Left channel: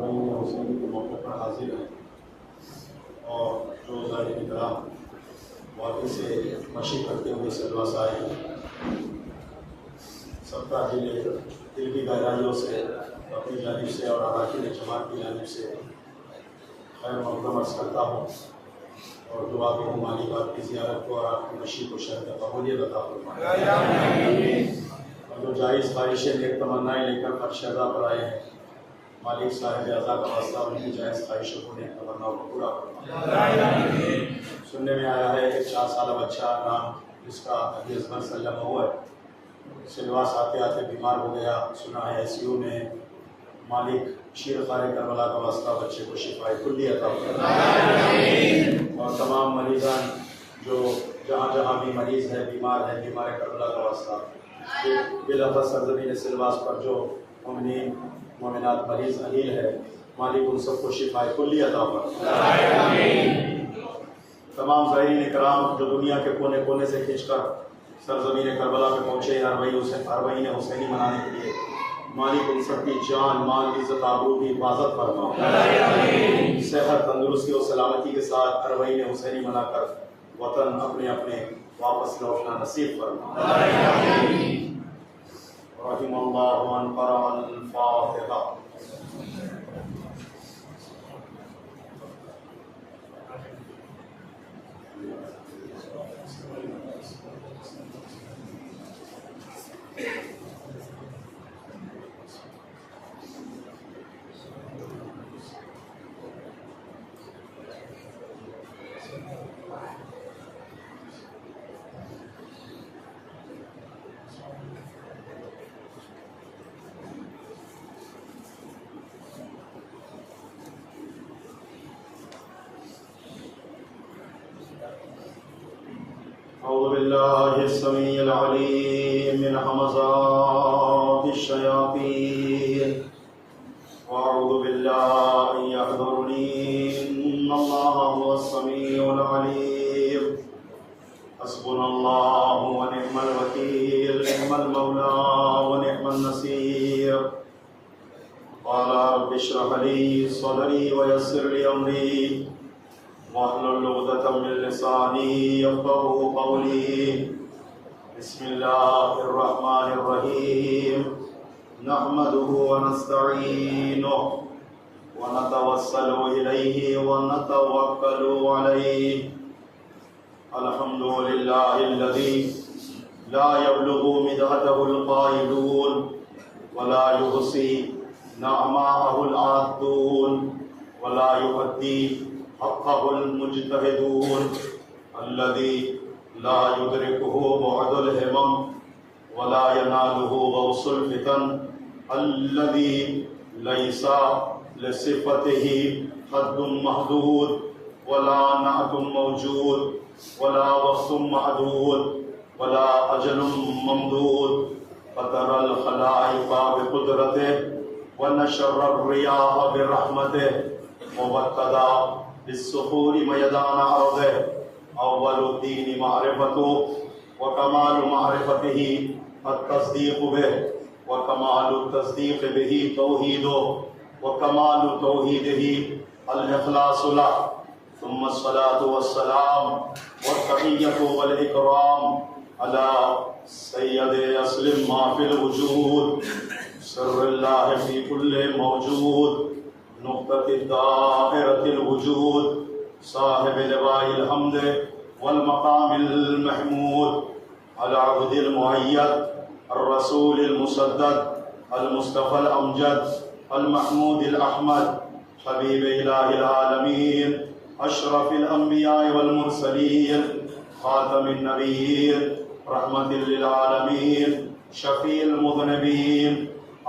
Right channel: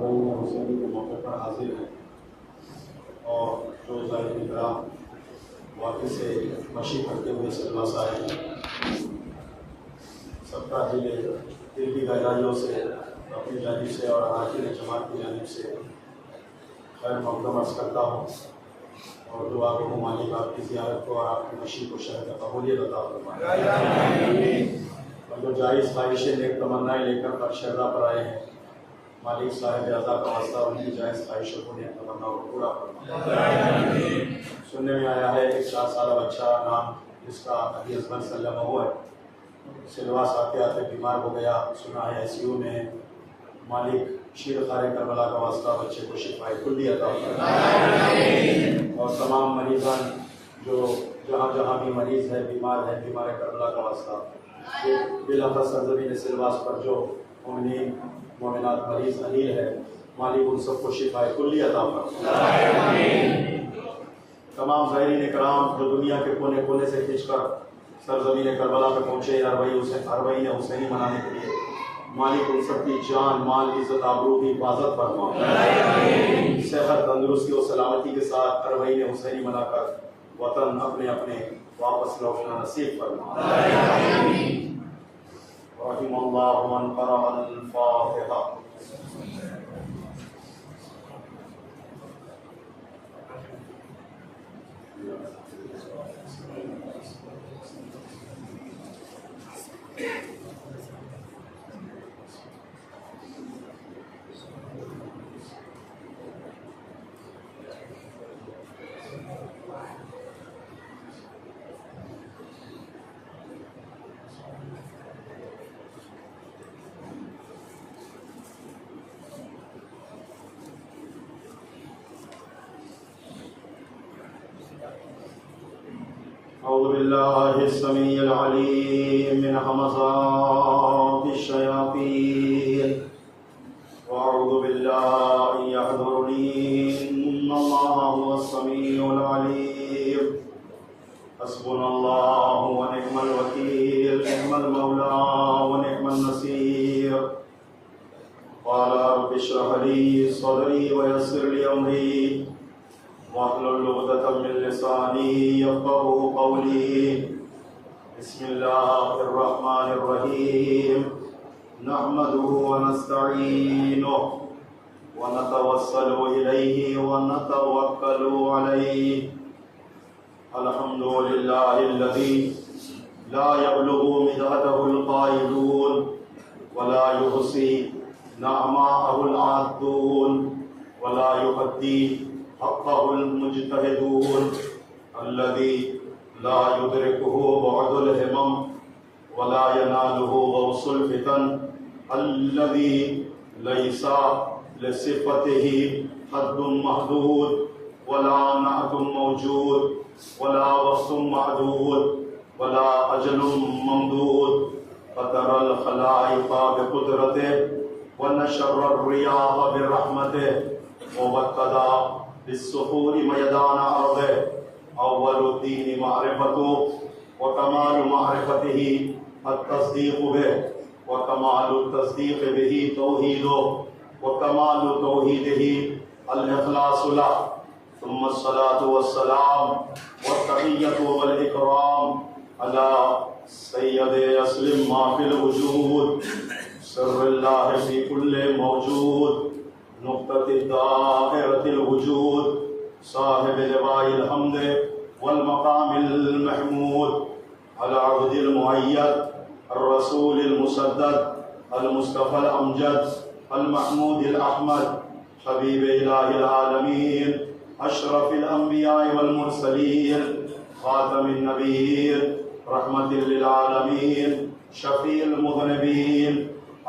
اربعین حسینی کے موقع پر حاضر ہیں اور جو ظاہر کرام واقعی سے مشی کرتے ہوئے سلوا سے آئے ہیں، سب کا دل کی گہرائیوں سے اپنی جانب سے اور اراکین جماعت کی جانب سے خیر مقدم عرض کرتا ہوں اور دعا کو مالی بات کی زیارت کو اور آپ کی مشی کو شہر قبولیت عطا فرمائے، اور جو جائز خواہشیں نیک تمنائیں لے کر فرش ادا پر آئے ہیں، مالک صاحب اعضا کا واسطہ ان کی جائز خواہشوں کو نیک تمناؤں کو پورا فرمائے۔ سننے میں آیا ہے ایک 4 سالہ بچہ نام جس کا ابھی ازمن سلمہ ہوا ہے، سلواس آتے آتے بیمار ہو گیا، سنا ہے ICU میں، مالک شیر خار کربلا کا واسطہ بچے کو شفائے کلی عطا فرمائے، اور تمام مریضان جو جہاں جہاں بھی مریض ہے، بیمار ہے، بیمار کربلا کا واسطہ کہ بلافظ سرزمین سلواس پر جو مومنین مومنات مریض اہیل ہے، مالک ان سب کو شفائے کلی عطا فرمائے۔ تمام زائرین کرام جو دنیا کے کونے کونے سے کھنچ کر سرزمین کربلا پہ پہنچے اربعین حسینی منانے کے لیے، مالک ان سب کی جان مال عزت آبرو کی حفاظت فرما، صحت تندرستی اور سلامتی کے ساتھ اربعین حسینی منا کر وطن اپنے اپنے واپس لوٹنا نصیب فرما۔ رحم اللہ من قرأ الفاتحہ۔ أعوذ بالله السميع العليم من همزات الشياطين وأعوذ بالله أن يحضرني إن الله هو السميع العليم حسبنا الله ونعم الوكيل نعم المولى ونعم النصير قال رب اشرح لي صدري ويسر لي أمري واحلل عقدة من لساني يفقهوا قولي بسم الله الرحمن الرحيم نحمده ونستعينه ونتوسل إليه ونتوكل عليه الحمد لله الذي لا يبلغ مدحته القائلون ولا يحصي نعماءه العادون ولا يؤدي حقه المجتهدون الذي لا يدركه بعد الهمم ولا يناله غوص الفتن الذي ليس لصفته حد محدود ولا نعت موجود ولا وقت معدود ولا أجل ممدود فترى الخلائق بقدرته ونشر الرياح برحمته وابتدى بالسحور ميدان عرضه أول الدين معرفته وكمال معرفته التصديق به وكمال التصديق به توحيده وكمال توحيده الإخلاص له ثم الصلاة والسلام والتحية والإكرام على سيد أسلم ما في الوجود سر الله في كل موجود نقطة دائرة الوجود صاحب لواء الحمد والمقام المحمود العبد المؤيد الرسول المسدد المصطفى الأمجد المحمود الأحمد حبيب إله العالمين أشرف الأنبياء والمرسلين خاتم النبيين رحمة للعالمين شفيع المذنبين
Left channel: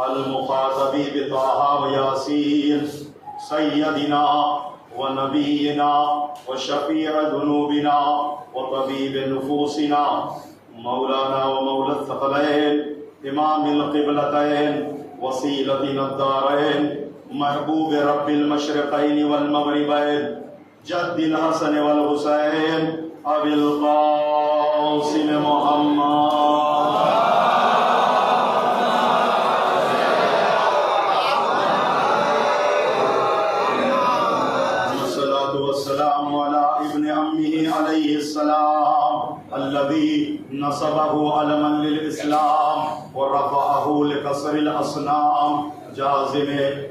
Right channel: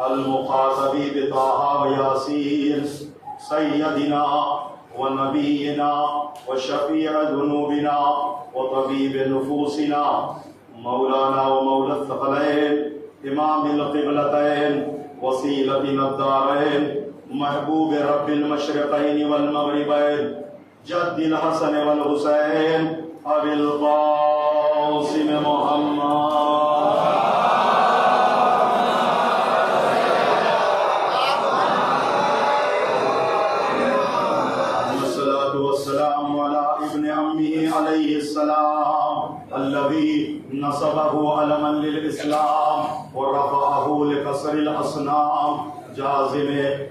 المخاطب بطه وياسين سيدنا ونبينا وشفيع ذنوبنا وطبيب نفوسنا مولانا ومولى الثقلين إمام القبلتين وسيلتنا الدارين محبوب رب المشرقين والمغربين جد الحسن والحسين أبي القاسم محمد ونصبه علما للإسلام ورفعه لكسر الأصنام جازم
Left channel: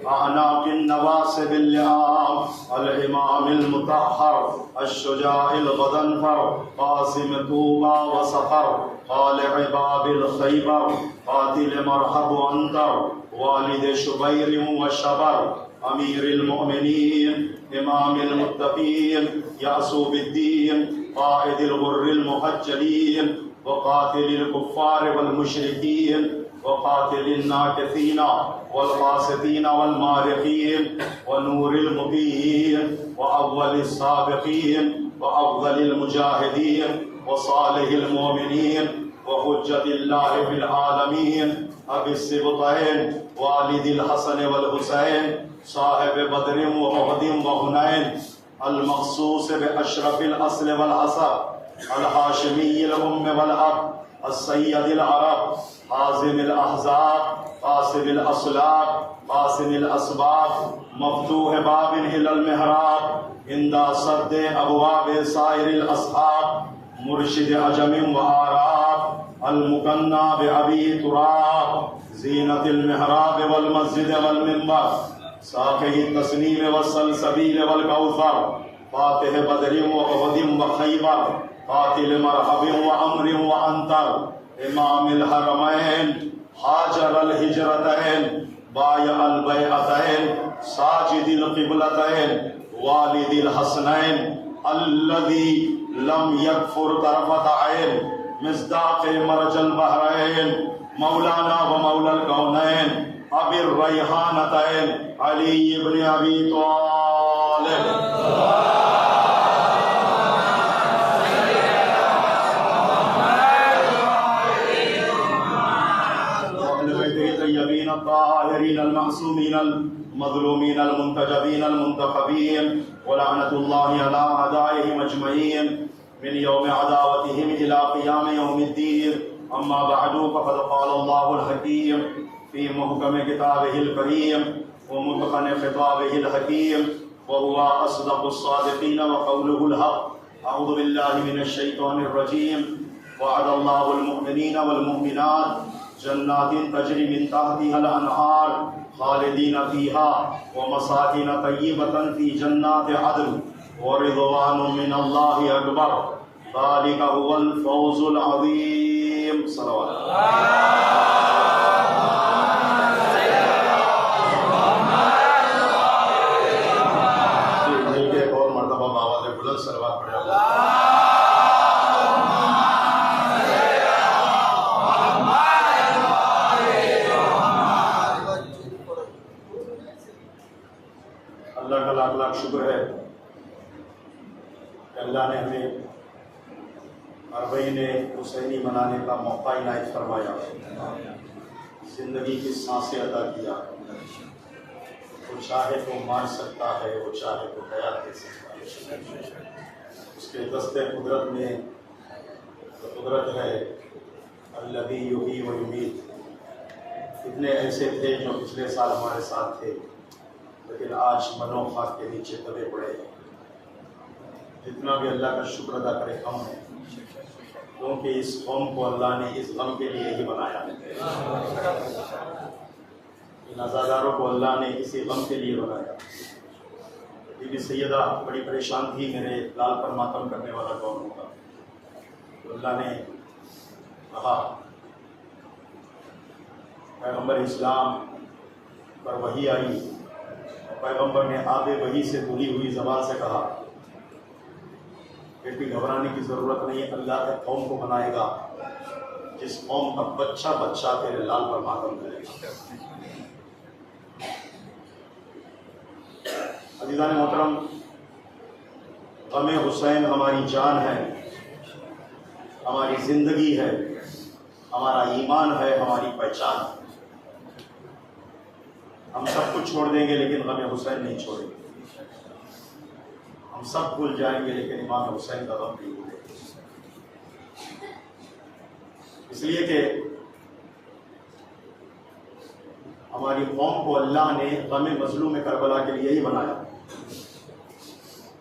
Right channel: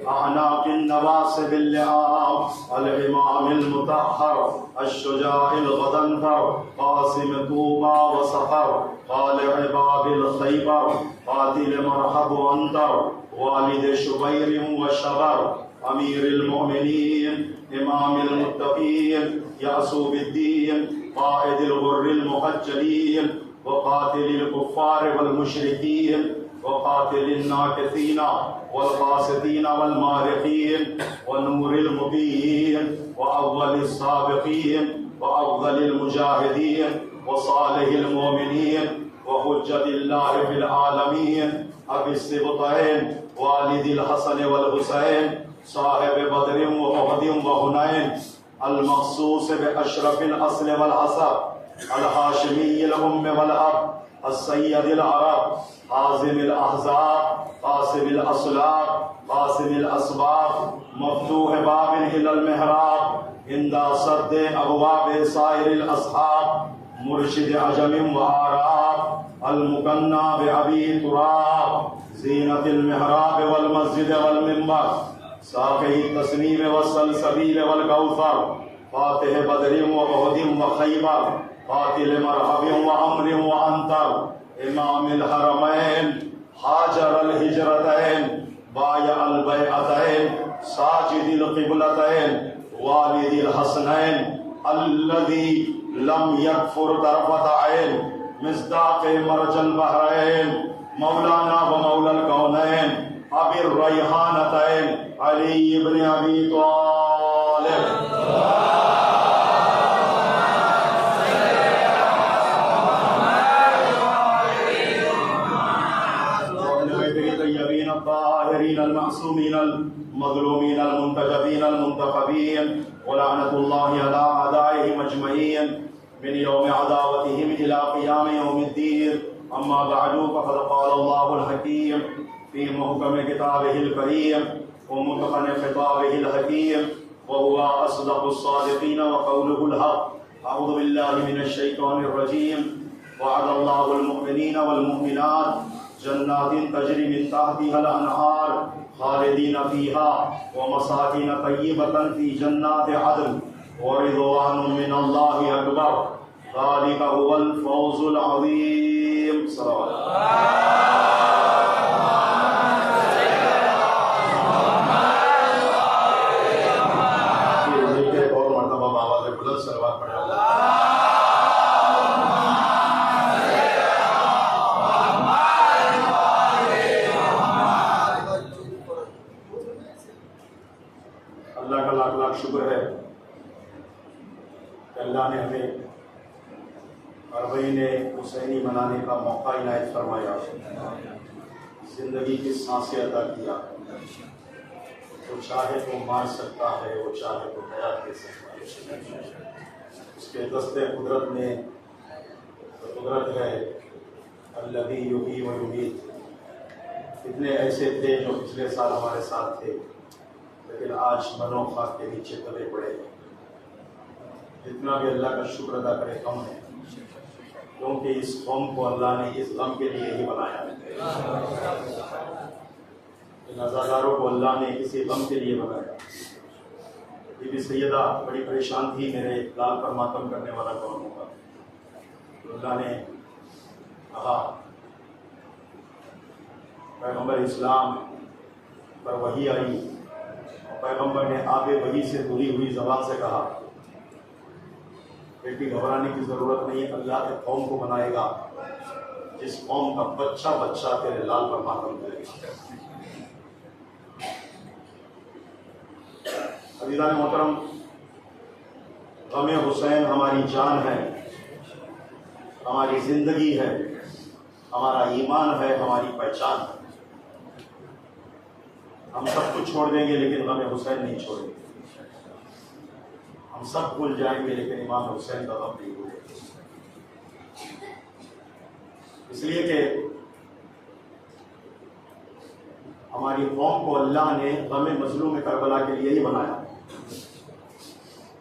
أعناق النواصب اللئام الإمام المطهر الشجاع الغضنفر قاسم طوبى وصفر طالع باب الخيبر قاتل مرحب وانتر والد شبير وشبر أمير المؤمنين إمام المتقين يعصو بالدين قائد الغر المحجلين وقاتل الكفار والمشركين وقاتل الناكثين والقاسطين والمارقين ونور المبين وأول السابقين وأفضل المجاهدين وصالح المؤمنين وحجة الله في العالمين أبي السبطين والد الحسن والحسين صاحب بدر وأحد وحنين المخصوص بأشرف الأصل والعصب الهاشمي الأم والأب السيد العرب حازم الأحزاب قاسم الأصلاب قاسم الأسباب مفتوح باب إلى المحراب عند صد أبواب سائر الأصحاب مرشد عجم وآراب المكنى بأبي تراب زينة المحراب والمسجد والمنبر ساقه التسنيم والسلسبيل والكوثر فاتح بدر وأحد وخيبر قاتل مرحب وأمر وأنتر إمام الحرمين هاجر الهجرتين بايع البيعتين ساجد القبلتين والد الحسنين الذي لم يكفر طرفة عين مصداق مرج البحرين مولانا ومولى الكونين أبي الريحانتين علي بن أبي طالب الطاهرين المعصومين المظلومين المنتجبين المنتخبين ولعنة الله على أعدائهم أجمعين من يوم عداوتهم إلى قيام يوم الدين أما بعد فقد قال الله الحكيم في محكم كتابه الكريم ومتقن خطابه الحكيم وهو أصدق الصادقين وقوله الحق أعوذ بالله من الشيطان الرجيم وعد الله المؤمنين والمؤمنات جنات تجري من تحتها الأنهار خالدين فيها ومساكن طيبة في جنات عدن ورضوان من الله أكبر ذلك هو الفوز العظيم صلوات اللہ کا لاکھ لاکھ شکر ہے کہ اللہ نے ہمیں اربعین حسینی منانے کا موقع عنایت فرمایا، زندگی کی سانسیں عطا کیا۔ وہ چاہے تو مار سکتا ہے، وہ چاہے تو حیات دے سکتا ہے۔ اس کے دست قدرت میں قدرت ہے الذی یحیی و یمیت۔ اتنے ایسے تھے جو پچھلے سال ہمارے ساتھ تھے، لیکن آج منو خاک کے نیچے دبے پڑے ہیں۔ جتنا بھی اللہ کا شکر ادا کرے کم ہے، کیونکہ اس قوم کو اللہ نے اس غم کے لیے ہی بنایا ہے۔ ان عزاداروں کو اللہ نے اسی غم کے لیے بنایا۔ بی بی سیدہ بڑی پریشان تھی، میرے لال پر ماتم کرنے والا کون ہوگا؟ تو اللہ نے کہا، پیغمبر اسلام پر وحی آئی، پیغمبر نے آب وحی سے بھولی ہوئی زبان سے کہا، بیٹی گھبرانے کی ضرورت نہیں، اللہ کے قوم کو بنائے گا جس قوم کا بچہ بچہ تیرے لال پر ماتم کرے گا۔ عزیزان محترم، غم حسین ہماری جان ہے، ہماری زندگی ہے، ہمارا ایمان ہے، ہماری پہچان ہے۔ ہم سب کچھ چھوڑ دیں گے لیکن غم حسین نہیں چھوڑیں گے۔ ہم سب بھول جائیں گے لیکن امام حسین کا غم نہیں بھولیں گے۔ اس لیے کہ ہماری قوم کو اللہ نے غم مظلوم کربلا کے لیے ہی بنایا۔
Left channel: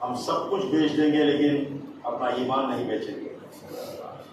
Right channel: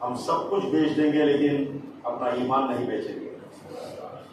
ہم سب کچھ بیچ دیں گے لیکن اپنا ایمان نہیں بیچیں گے۔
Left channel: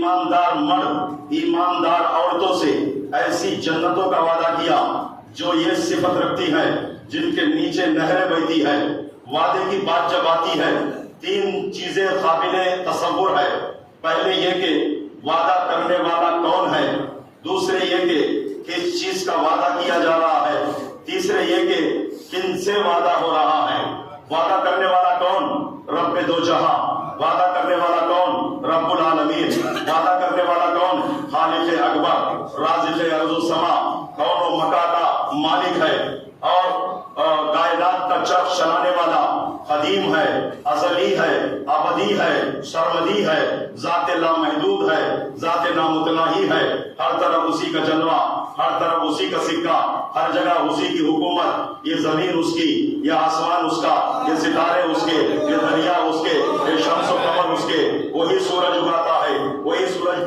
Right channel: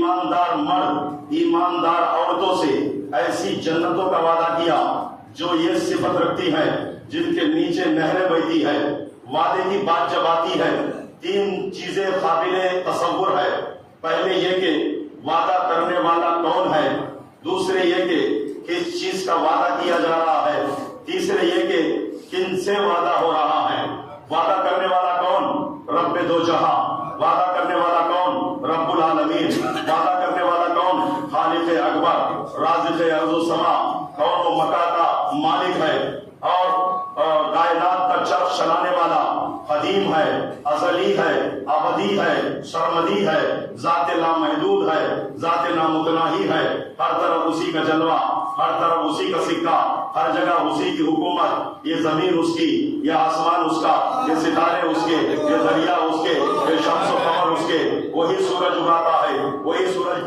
ایماندار مرد ایماندار عورتوں سے ایسی جنتوں کا وعدہ کیا جو یہ صفت رکھتی ہیں جن کے نیچے نہریں بہتی ہے. وعدے کی بات جب آتی ہے 3 چیزیں قابل تصور ہے. پہلے یہ کہ وعدہ کرنے والا کون ہے, دوسرے یہ کہ کس چیز کا وعدہ کیا جا رہا ہے, تیسرے یہ کہ کن سے وعدہ ہو رہا ہے. وعدہ کرنے والا کون؟ رب دو جہاں. وعدہ کرنے والا کون؟ رب العالمین. وعدہ کرنے والا کون؟ خالق اکبر رازق ارض و سما, کون و مکان کا مالک ہے اور کائنات کا چرخ چلانے والا قدیم ہے, ازلی ہے, ابدی ہے, سرمدی ہے, ذات لامحدود ہے, ذات نامتناہی ہے. ہر طرف اسی کا جلوہ, ہر طرف اسی کا سکہ, ہر جگہ اسی کی حکومت. یہ زمین اس کی, یہ آسمان اس کا, یہ ستارے اس کے, یہ دریا اس کے, یہ شمس و قمر اس کے. وہی سورج اگاتا ہے, وہی سورج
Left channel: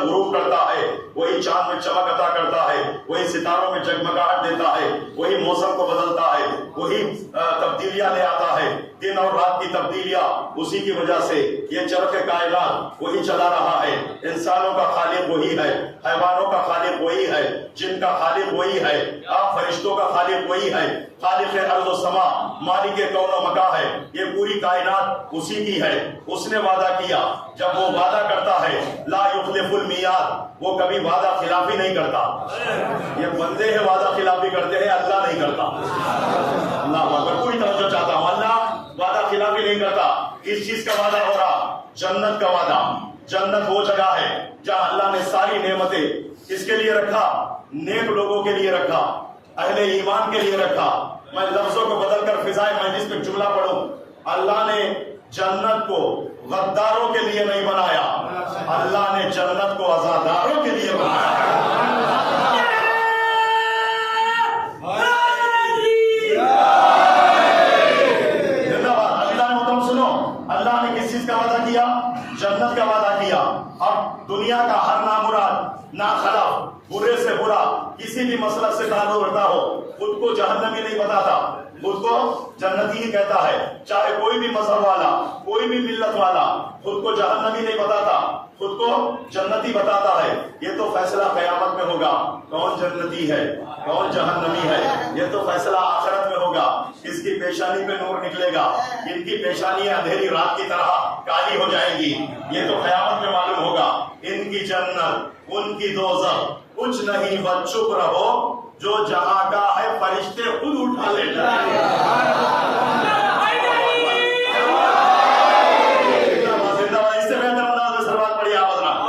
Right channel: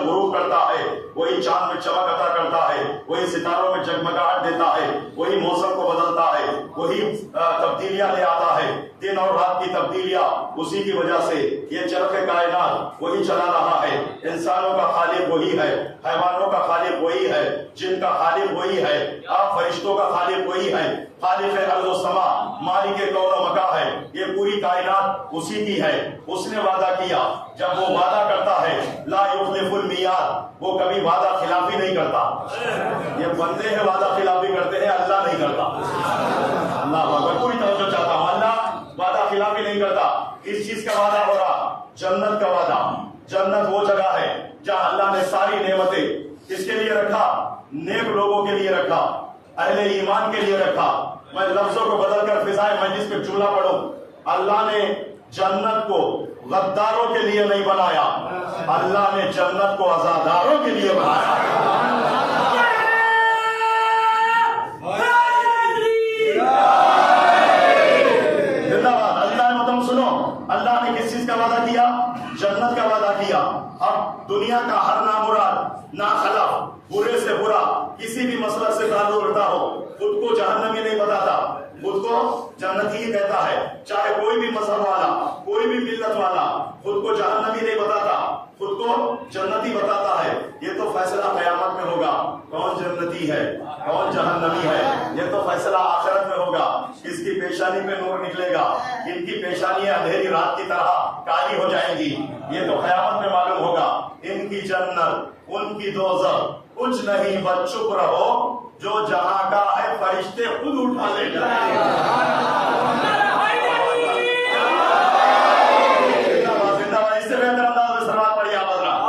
غروب کرتا ہے, وہی چاند میں چمک عطا کرتا ہے, وہی ستاروں میں جگمگاہٹ دیتا ہے, وہی موسم کو بدلتا ہے, وہی تبدیلیاں لے آتا ہے. دن اور رات کی تبدیلیاں اسی کی وجہ سے. یہ چرخ کائنات وہی چلا رہا ہے. انسانوں کا خالق وہی ہے, حیوانوں کا خالق وہی ہے, جن کا خالق وہی ہے, فرشتوں کا خالق وہی ہے. خالق ارض و سما, مالک کون و مکان ہے. یہ پوری کائنات اسی کی ہے. اس نے وعدہ کیا, جب وہ وعدہ کرتا ہے لا یخلف المیعاد, وہ کبھی وعدہ خلافی نہیں کرتا. یہ بندے ہیں وعدہ خلافی کرتے ہیں, اللہ نہیں کرتا. اللہ اکبر. پوری توجہ چاہتا ہوں, اللہ وعدہ خلافی نہیں کرتا. اس چیز کا وعدہ ہو رہا, جنت کا وعدہ. جنت وہ جگہ ہے جہاں اللہ نے ساری نعمتیں کس کے لیے رکھا؟ نیک لوگوں کے لیے رکھا, اہل ایمان کے لیے رکھا. میں لفظوں کو بدل کر فضائے مجلس پہ جملہ پڑھوں. اللہ نے جنت کو غداروں کے لیے نہیں بنایا, اللہ نے جنت کو عزاداروں کے لیے بنایا. اللہ نے تم سنو, اللہ نے کس چیز کا وعدہ کیا؟ جنت کا وعدہ کیا. اب دنیا کا ہر نامراد, ناخلاف, برے سے برا, کسی بھی مسئلہ سے تعلق رکھتا ہو, خود کو جہنمی نہیں بتاتا, خود کو جنتی کہتا ہے. چاہے کوئی بھی مذہب والا, کوئی بھی ملت والا خود کو جہنمی نہیں بتاتا, خود کو جنتی بتاتا ہے. یہ تو فیصلہ قیامت میں ہوگا, کون جنتی ہے کون جہنمی ہے. یہ تو فیصلہ آخرت میں ہوگا. اس کی پیشانی پہ نور نکلے گا, ان کی پیشانیاں اندھیری رات کی طرح کالی ہو جائیں گی. یہ تو قیامت میں معلوم ہوگا. ان کی جنت, ان کی دوزخ کچھ نہیں, بس چپ رہو, جو جہاں کا ہے فرشتے خود اٹھا لے جائیں گے. اس سے بہتر انداز میں سلوات پڑھی آپ حضرات.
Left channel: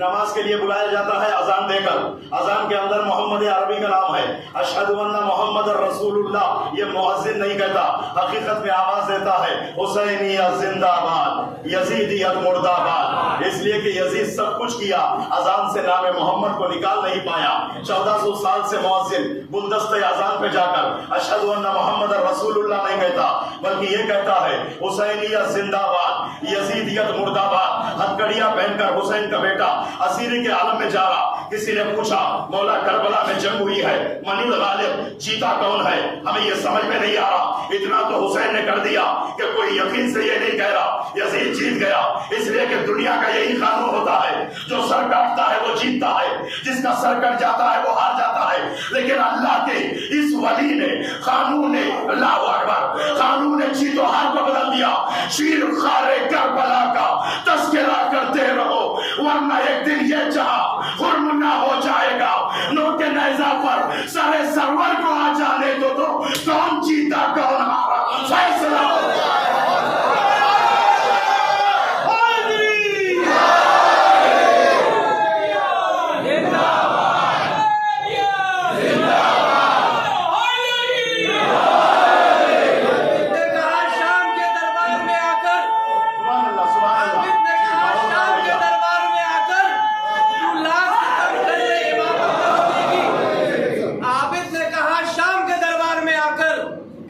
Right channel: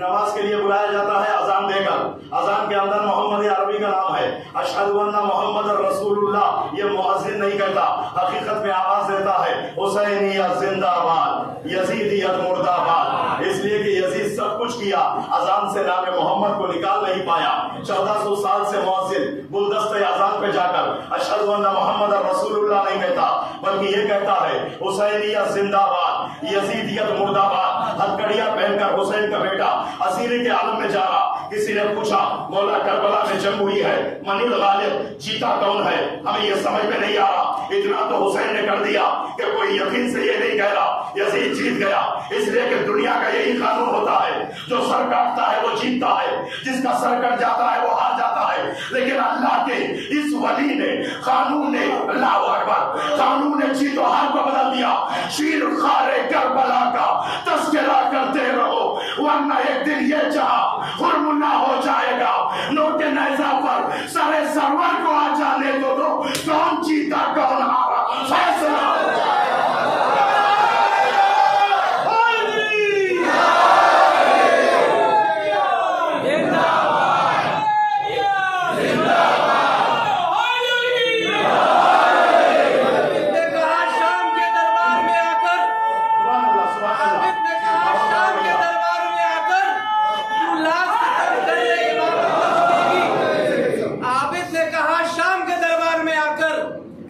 نماز کے لیے بلایا جاتا ہے اذان دے کر. اذان کے اندر محمد عربی کا نام ہے, اشہد ان محمد رسول اللہ. یہ مؤذن نہیں کہتا, حقیقت میں آواز دیتا ہے حسینیت زندہ باد, یزیدیت مردہ باد. اس لیے کہ یزید سب کچھ کیا, اذان سے نام محمد کو نکال نہیں پایا. 1400 سال سے مؤذن گلدستہ اذان پہ جا کر اشہد ان محمد رسول اللہ نہیں کہتا, بلکہ یہ کہتا ہے حسینیت زندہ باد, یزیدیت مردہ باد. ہتھکڑیاں پہن کر حسین کا بیٹا اسیری کے عالم میں جا رہا. کسی نے پوچھا مولا کربلا میں جنگ ہوئی ہے, من الغالب, جیتا کون ہے؟ ہمیں یہ سمجھ میں نہیں آ رہا. اتنا تو حسین نے کر دیا کہ کوئی یقین سے یہ نہیں کہہ رہا یزید جیت گیا. اس لیے کہ دنیا کا یہی قانون ہوتا ہے, جو سر کاٹتا ہے وہ جیتتا ہے, جس کا سر کٹ جاتا ہے وہ ہار جاتا ہے. لیکن اللہ کے اس ولی نے قانون, اللہ اکبر, قانون جیت و ہار کو بدل دیا. شیر خار کربلا کا تذکرہ کرتے رہو, ورنہ ایک دن یہ جہاں خرمنا ہو جائے گا. نوٹ نیزہ پر سر سرور کو آ جانے دو, کون جیتا کون ہارا فیصلہ ہو جائے گا.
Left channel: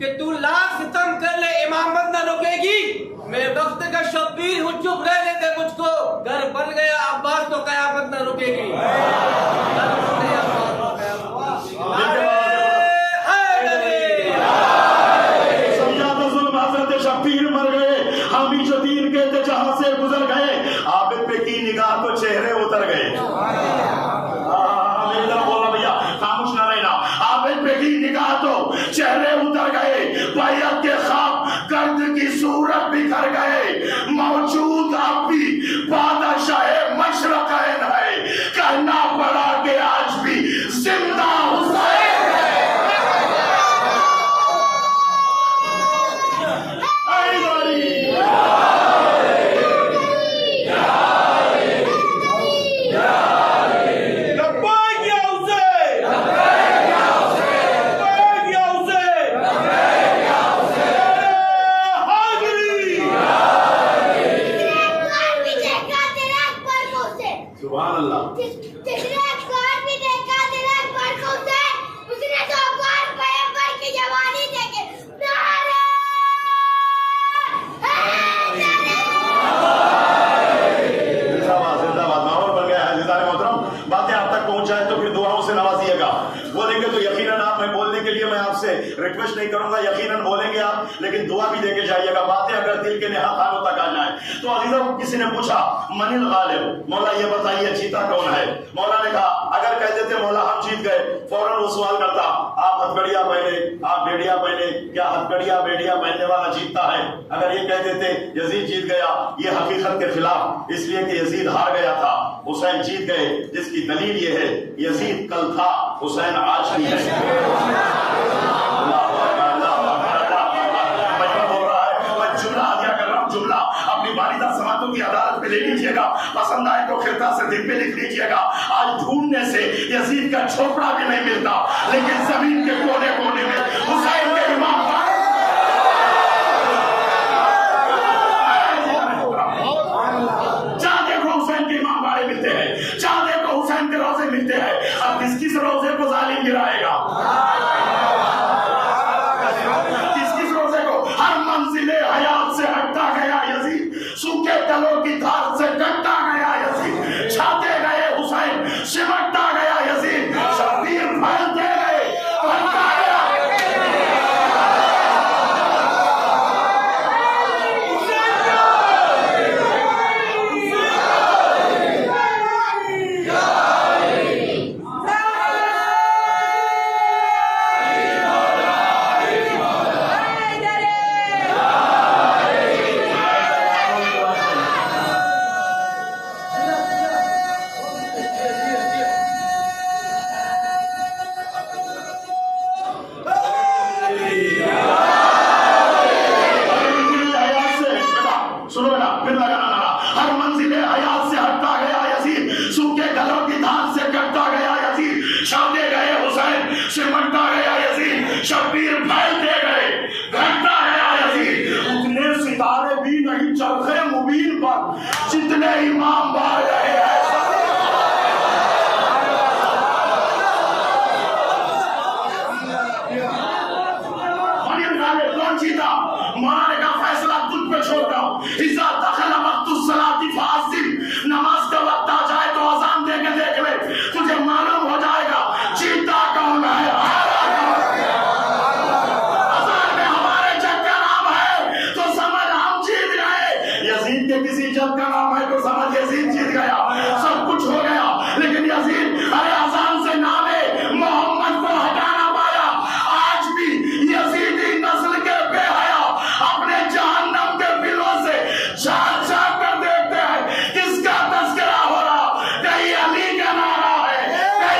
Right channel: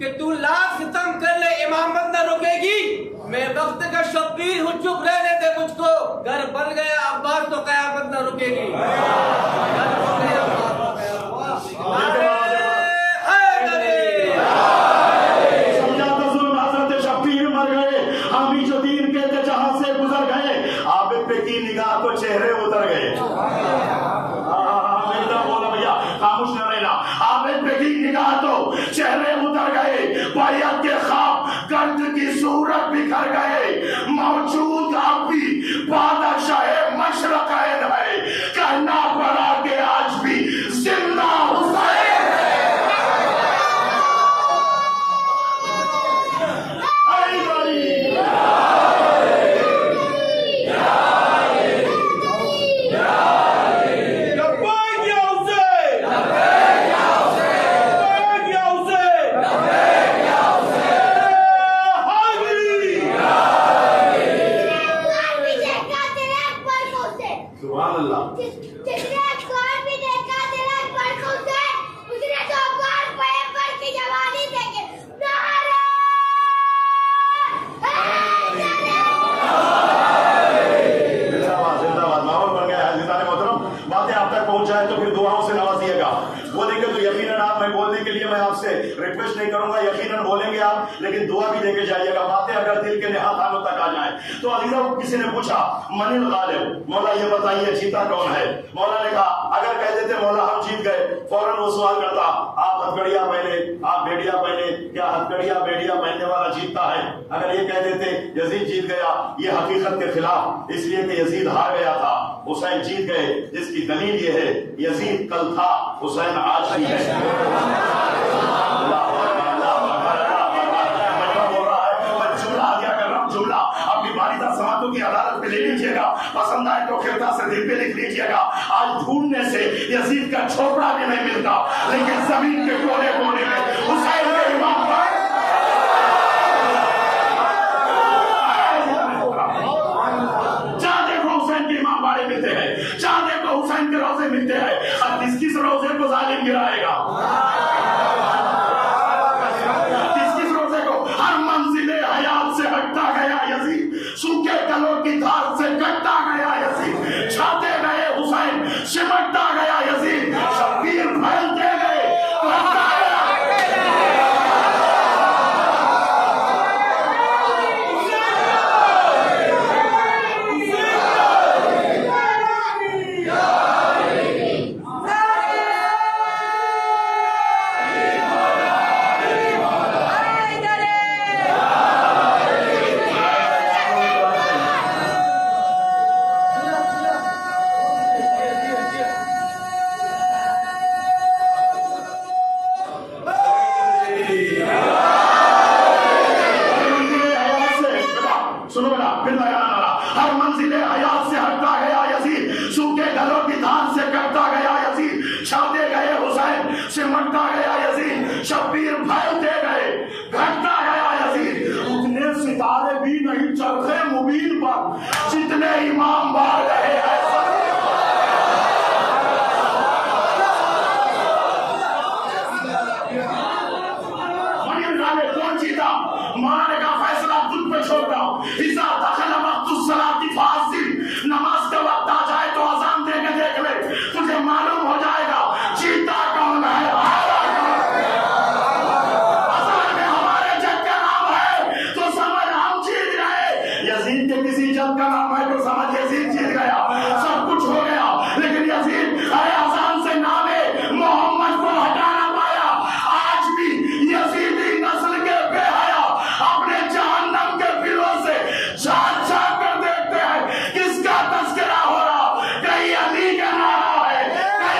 کہ تو لاکھ ستم کر لے امامت نہ رکے گی. میں وقت کا شبیر ہوں, چپ رہنے دے مجھ کو. گھر بن گیا عباس تو قیامت نہ رکے گی. گھر بن گیا عباس تو قیامت. سمجھا تو ظلم حضرت شبیر مر گئے, ہم ہی جو دین کے جہاں سے گزر گئے. عابد پہ کی نگاہ تو چہرے اتر گئے. بولا بھیا خاموش نہ رہنا. عابد پہ کی نگاہ تو چہرے اتر گئے. بیعت کے خواب گرد کی صورت بکھر گئے. موجود اب بھی بادشاہ مشرقین ہے. کہنا پڑا کہ آج بھی زندہ حسین ہے. ریکویسٹ نہیں کروں گا, یقیناً بولیں گے آپ, لیکن دعا بھی دے کے جائیے گا. باتیں اگر دل کے نہا خانوں تک آ جائیں تو عزیزہ کسی نے پوچھا من الغالب, مولا یہ بتائیے جیتا کون ہے. مولا نے کہا اگر کہہ دیتے مولا ہم جیت گئے, فوراً وہ سوال کرتا آپ ہتھکڑیاں پہنے, آپ بھیڑیا پہنے, کیا ہتھکڑیاں بھیڑیا پہننے والا جیتتا ہے؟ اگر یہ کہہ دیتے یزید جیت گیا, یہ حقیقت کے خلاف, اس لیے کہ یزید ہار گیا تھا, حسین جیت گئے, جس کی دلیل یہ ہے یزید کل تھا, حسین آج بھی ہے. سماعتوں کی عدالت پہ لے لیجئے گا, پسند آئے تو خطہ سے دل پہ لکھ لیجئے گا. آج ڈھونڈنے سے یزید کا چھوپڑا بھی نہیں ملتا, لیکن زمین کے کونے کونے میں حسین کے امام جہاں دیکھو حسین کے امام باڑے ملتے ہیں, جہاں دیکھو حسین کے روزے ملتے ہیں. اب کس کس روزے کو ظالم گرائے گا؟ کس کس روزے کو؟ ہر منزل حیات سے ہٹتا گیا یزید, سوکھے گلوں کی دھار سے کٹتا گیا یزید, چھاتے گئے حسین, سمٹتا گیا یزید, شبیر پھیلتے گئے, بڑھتا گیا. نماز کا وقت آ جائے تو اذان دے کے دیکھ لے, تجھے معلوم ہو جائے گا جیتا کون ہے. اذان میں ہمارے جگ کا نام ہے تو سمجھ ہم جیت گئے, یزید کے کسی جگ کا نام ہے تو سمجھ یزید جیت گیا. سب کچھ ہو گیا, لیکن یزید ارے اذان سے نام محمد کو ہٹا نہ پایا. آج بھی یزیدی نسل کے بے حیا اپنے جہنم کے بلوں سے جھانک جھانک کر دیکھتے ہیں کس کا تذکرہ ہو رہا. کہیں علی کا نعرہ ہے, کہیں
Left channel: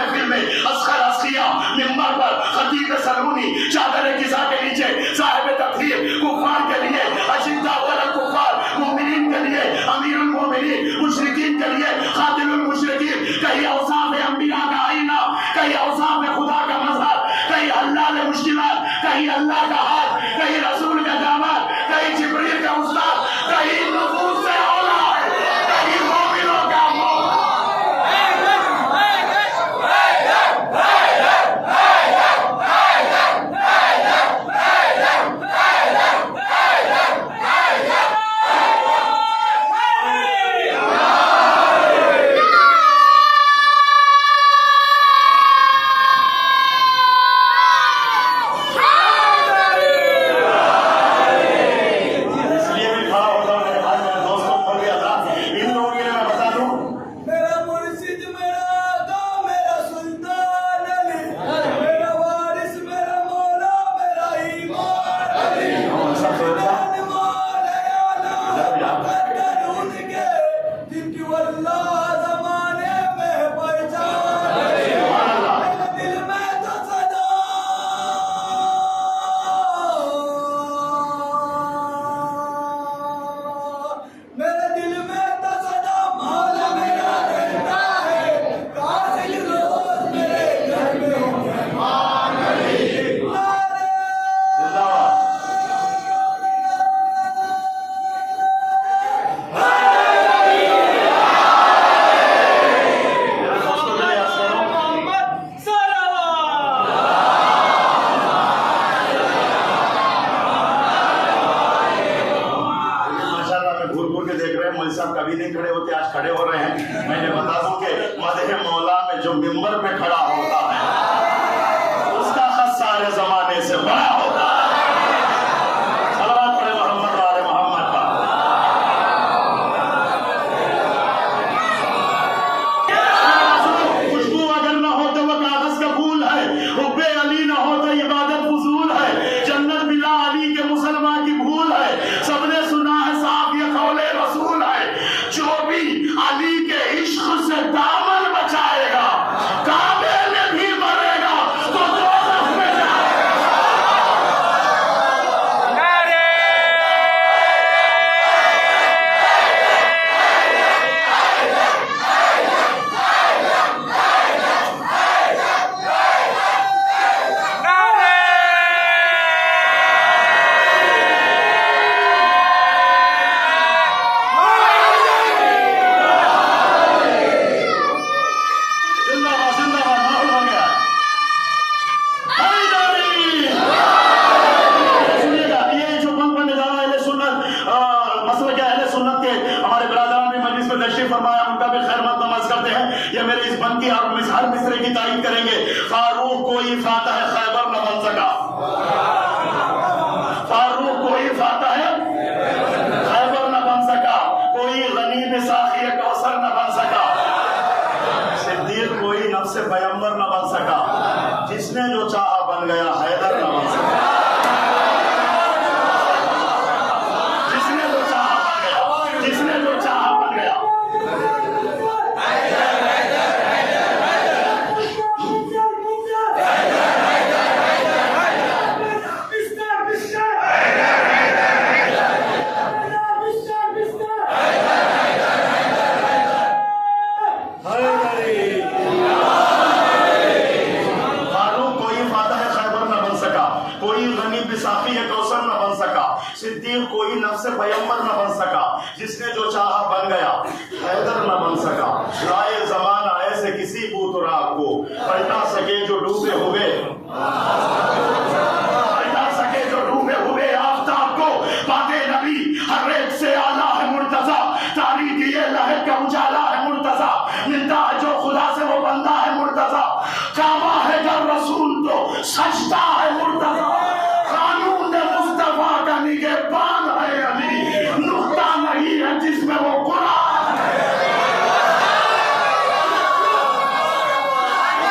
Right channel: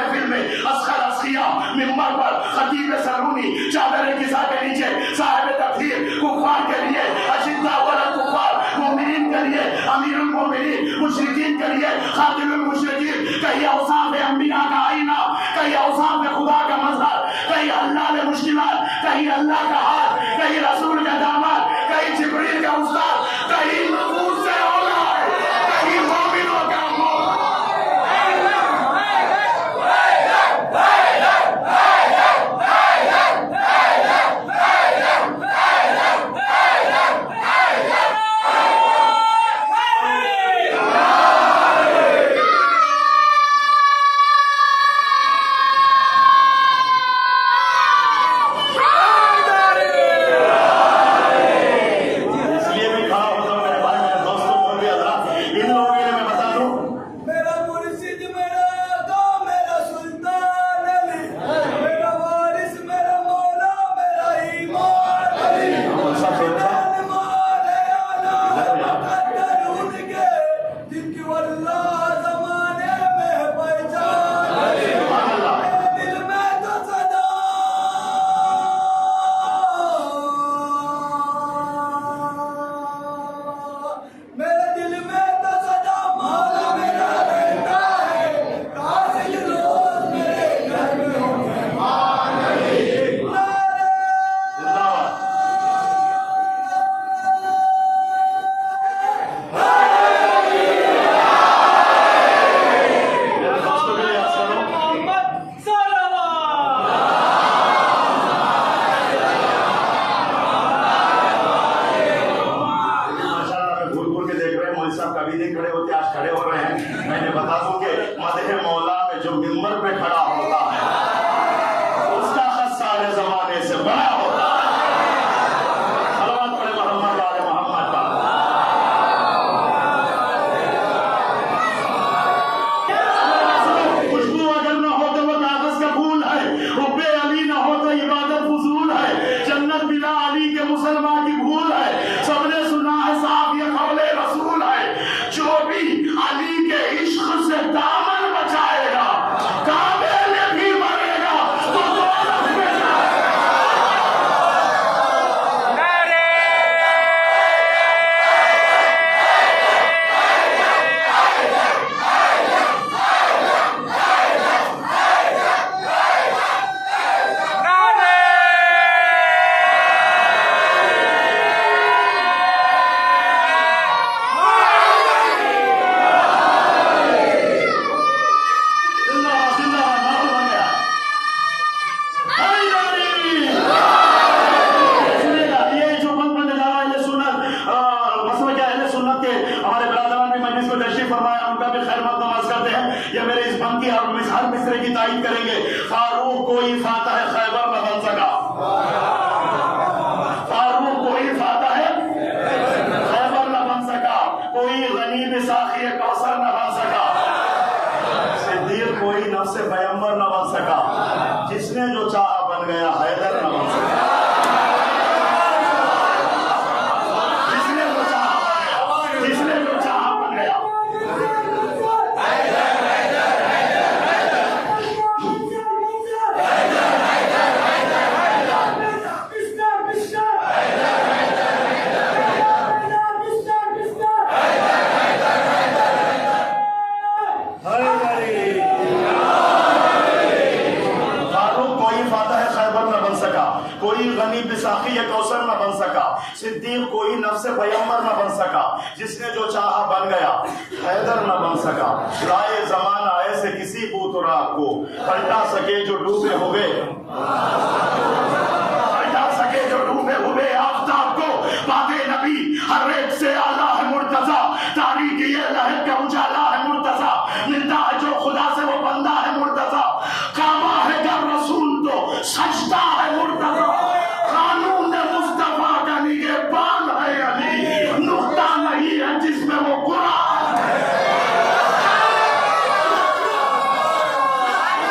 محفل میں اسخر اسقیہ منبر پر خطیب سلمونی چادر کسا کے نیچے صاحب تقریر کفار کے لیے اشداء علی الکفار مومنین کے لیے امیر المومنین مشرکین کے لیے خاتم المشرکین کہیں اوصاف انبیاء کا آئینہ کہیں اوصاف خدا کا مظہر کہیں حلال مشکلات کہیں اللہ کا ہاتھ کہیں رسول کا داماد کہیں جبریل کا استاد کہیں نفوس سے اولاد کہیں مومنوں کا مولا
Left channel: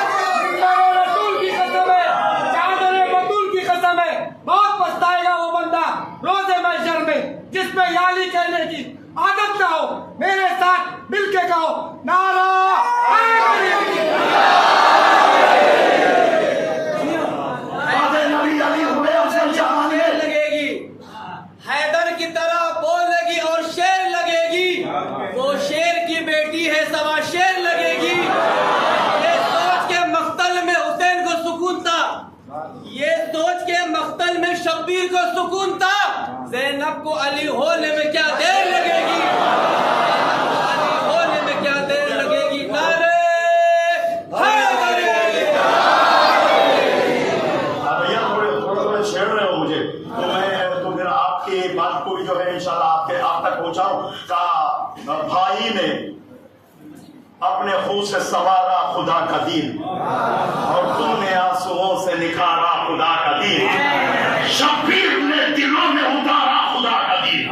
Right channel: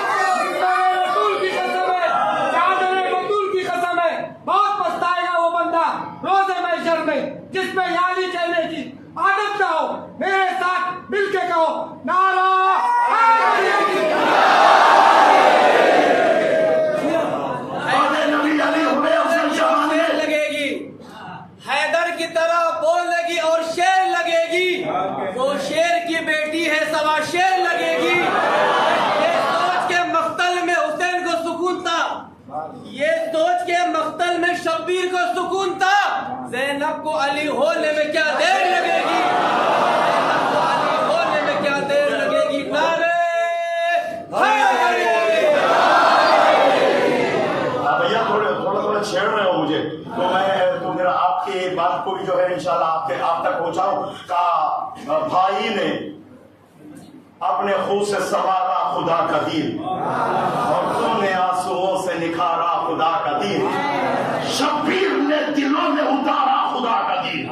رسول کی قسم ہے، چادر بطول یہ سوچ کے مقتل میں شبیر کو سکون تھا، زینب کو علی ہونے میں کیا دیر لگے گی، زینب کو علی ہونے میں کیا دیر لگے گی۔ نعرے حیدری۔ بھیا تھوڑا چھیڑ رہے ہو مجھے، تو میرا آپ کی بات کو بھی جو ہے انشاءاللہ آپ تک پہنچاؤں۔ کہا بھائی نے اپنے خون سے سنوارا خدا کا دین، اور تم نے آنسوؤں سے نکھارا خدا کا دین، شبیر نے دلوں میں اتارا خدا کا دین،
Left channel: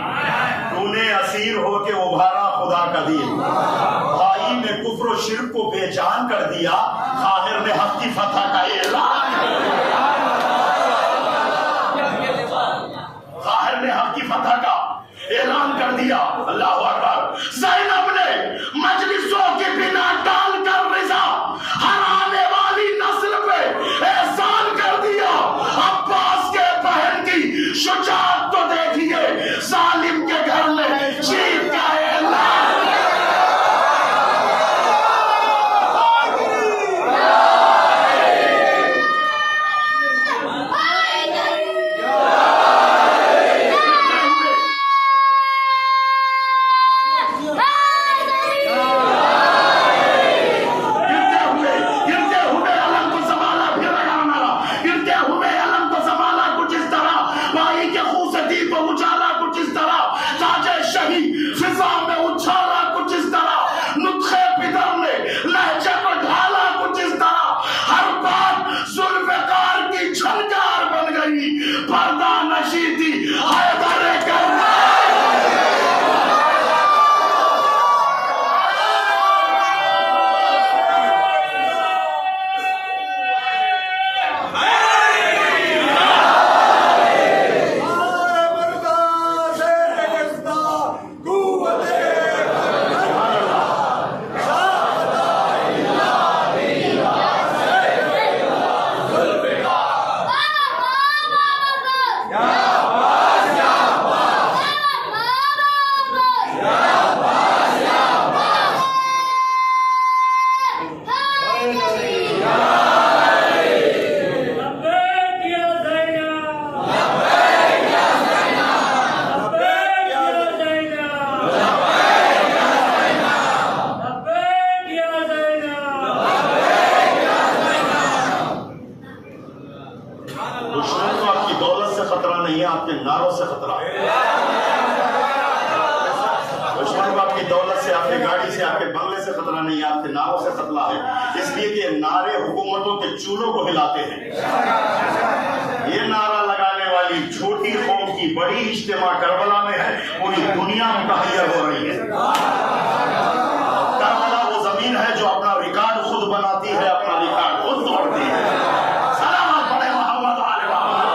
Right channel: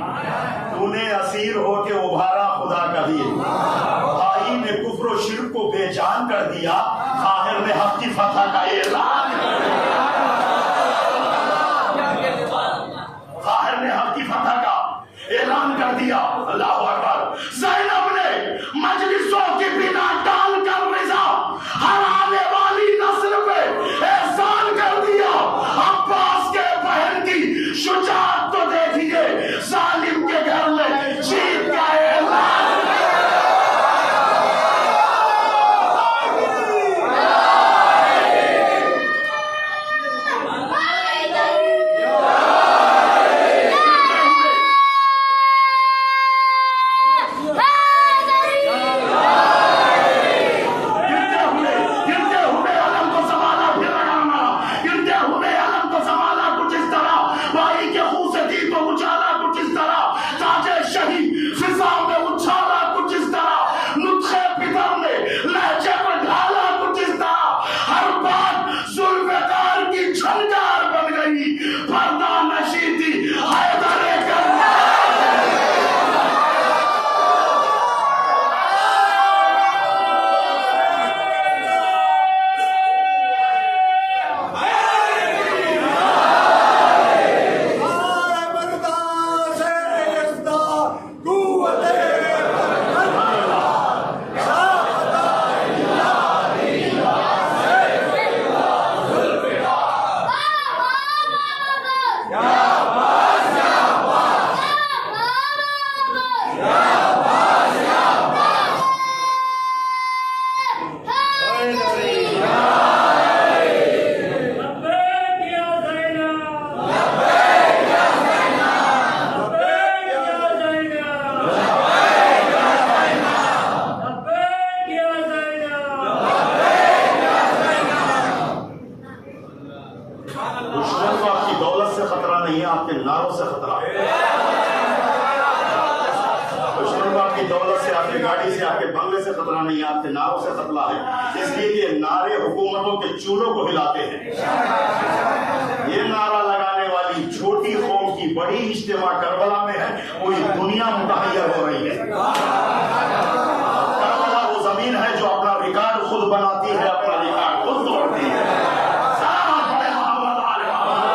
تو نے اسیر ہو کے ابھارا خدا کا دین، بھائی نے کفر و شرک کو بے جان کر دیا، قاہر نے حق کی فتح کا اعلان کر دیا، قاہر نے حق کی فتح کا اعلان کر دیا۔ اللہ اکبر۔ زینب نے مجلسوں کی بنا ڈال کر رضا ہر آنے والی نسل پہ احسان کر دیا۔ عباس کے بہن کی شجاعت تو دیکھیے، ظالم کے گھر میں جیت کا اعلان۔ چولوں کو ہلاتے ہیں۔ یہ نعرہ لگانے والی چھوٹی قوم کی بڑی اجتماع کربلا میں ہے، پوری دنیا متحیر ہو رہی ہے۔ کربلا وہ زمین ہے جو اپنا ریکارڈ خود بناتی ہے، اپنا ریکارڈ خود توڑتی ہے۔ سلامات پڑھیں محمد آل محمد۔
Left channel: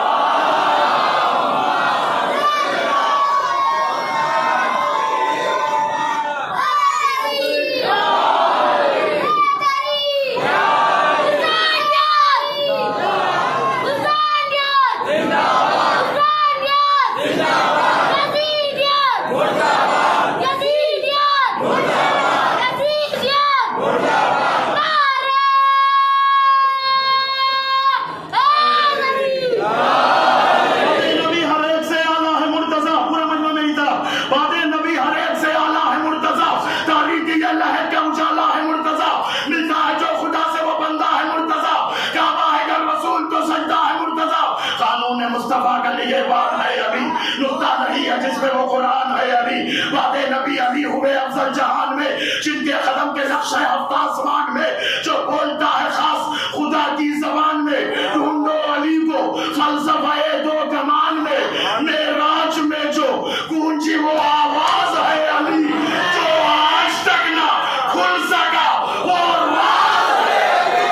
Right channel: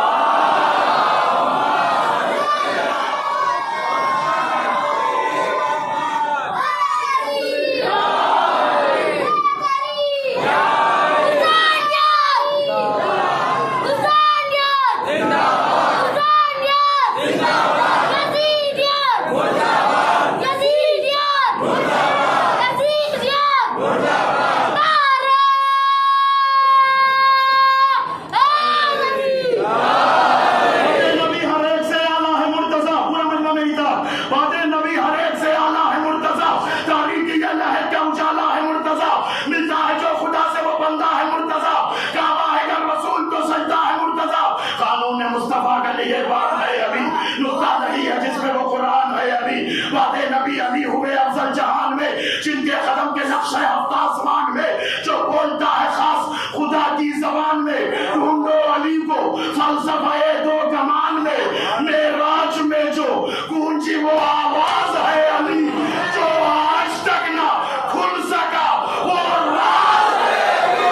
نبی علی ہوئے افضل جہان میں، جن کے قدم کے نقشہ ہفتہ آسمان میں، جو بولتا ہے خاص خدا کی زبان میں، ڈھونڈو علی کو فلسفہ دو گمان میں، معراج میں جو گونجی وہ آواز ہے علی، جو آج تک نہ کھل سکا وہ راز ہے علی۔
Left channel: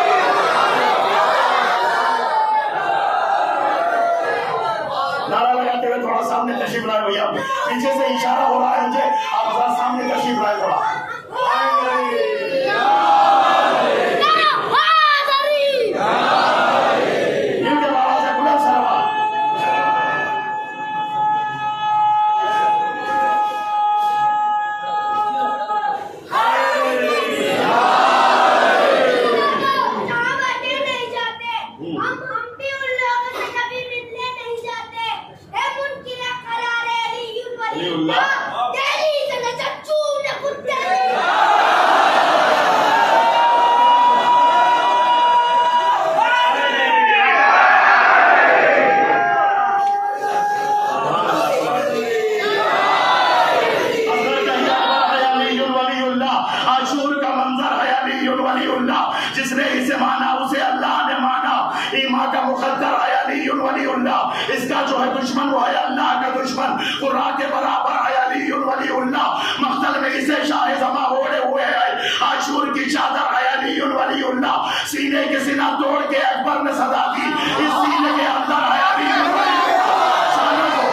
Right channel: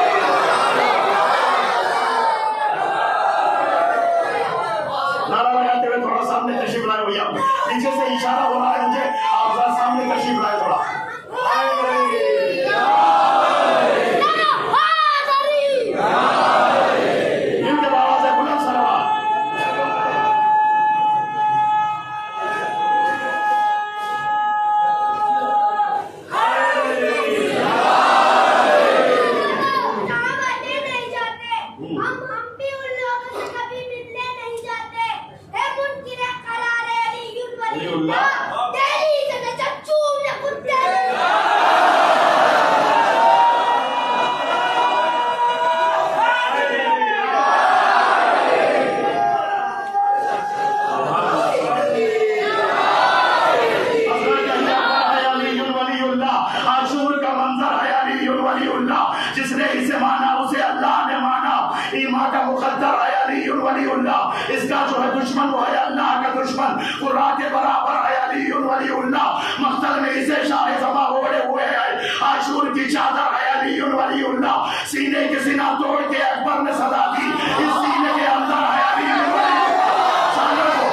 نعرہ لگاتے ہوئے تھوڑا سامنے تشریف لائے بھیا، پیچھے سے اشارہ ہو رہا ہے مجھے، آپ ذرا سامنے تشریف لائے تھوڑا۔ ان کے بابا سے بلند سلام۔ نہیں جاتے، ہم بھی ایمان کا مقدر ہے علی ولی اللہ، اس کا جو ہے دشمن وہ ہے اللہ کا دشمن، قرآن کے برابر ہے علی ولی اللہ، مقتل میں اسے شاہ زماں اوڑے ہوئے ہے، عاشور کی چادر ہے علی ولی اللہ، سینے کے سینہ توڑ کے اکبر نے صدا دی، اس سینے کے اندر ہے علی ولی اللہ، سالوں کو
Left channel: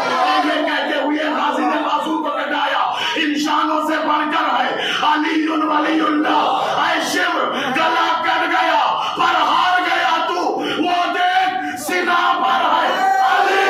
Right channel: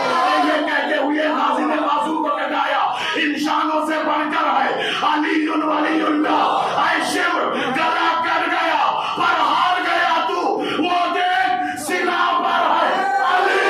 یہ کہتے ہوئے غازی نے بازو کو کٹایا، انسانوں سے بڑھ کر ہے علی ولی اللہ، اے شمر گلا کٹ گیا پر ہار گیا تو، وہ دیکھ سینہ پر ہے علی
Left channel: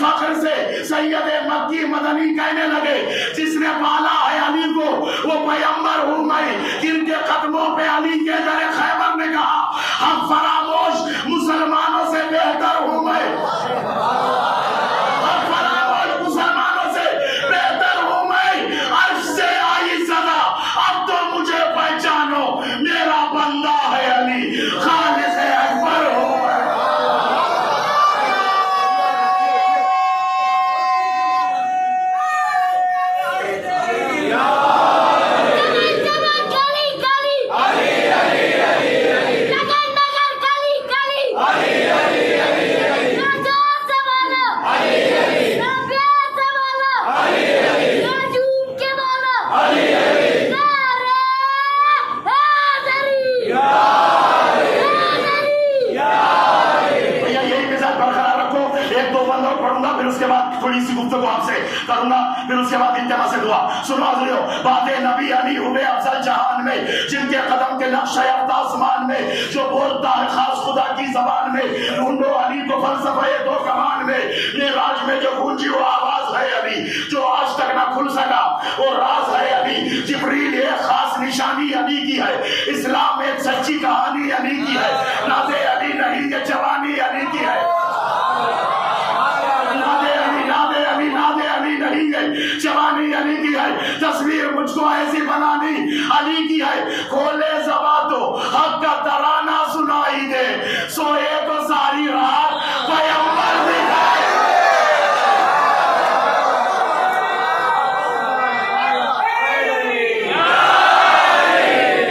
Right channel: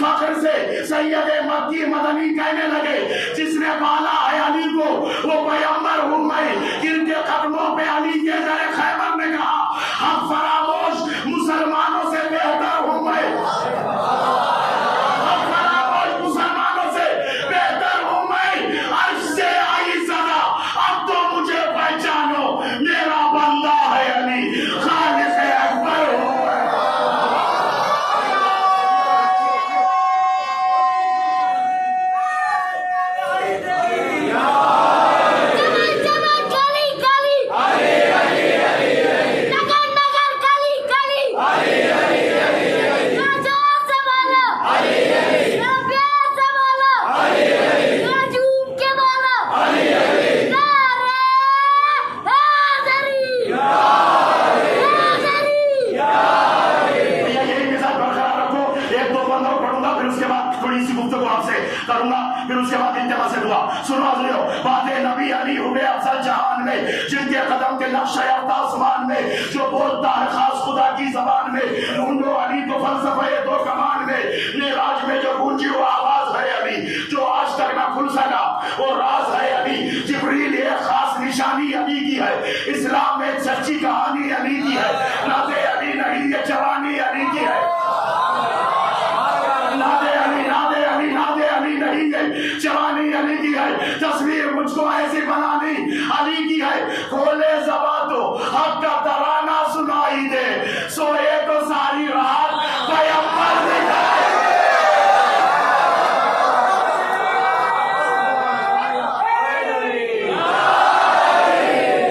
فخر سے سید مکی مدنی کہنے لگے، جس نے پالا ہے علی کو وہ پیغمبر ہوں میں، جن کے قدموں پہ علی کے در خیبر نے کہا ہم فراموش مسلمانوں سے بہتر ہوں میں، ہم فراموش مسلمانوں سے بہتر ہوں میں، عرش سے آئی صدا اب تو مجھے پہچانو میرا بندہ ہے علی، خالق اکبر ہوں میں۔ سنو حضریو، بات نبی علی ہوئے افضل جہان میں، جن کے قدم کے نقش یافتہ آسمان میں، جو بولتا ہے خاص خدا کی زبان میں، ڈھونڈو علی کو فلسفہ دو کمان میں، معراج میں جو گونجی وہ آواز ہے علی، جو آج تک نہ کھل سکا وہ راز ہے علی، جبریل ایک خاص نشانی علی کی ہے، اسلام میں ایک سچی کہانی علی کی ہے، ناز علی نہیں یہ جوانی علی کی ہے، نہیں ہے جوانی علی کی ہے، تصویر مجھ کو ایسی بنانی علی کی ہے، کھولے زبان تو حق کا ترانہ سنائی دے، سوئے تو ساری رات پیغمبر دکھائے۔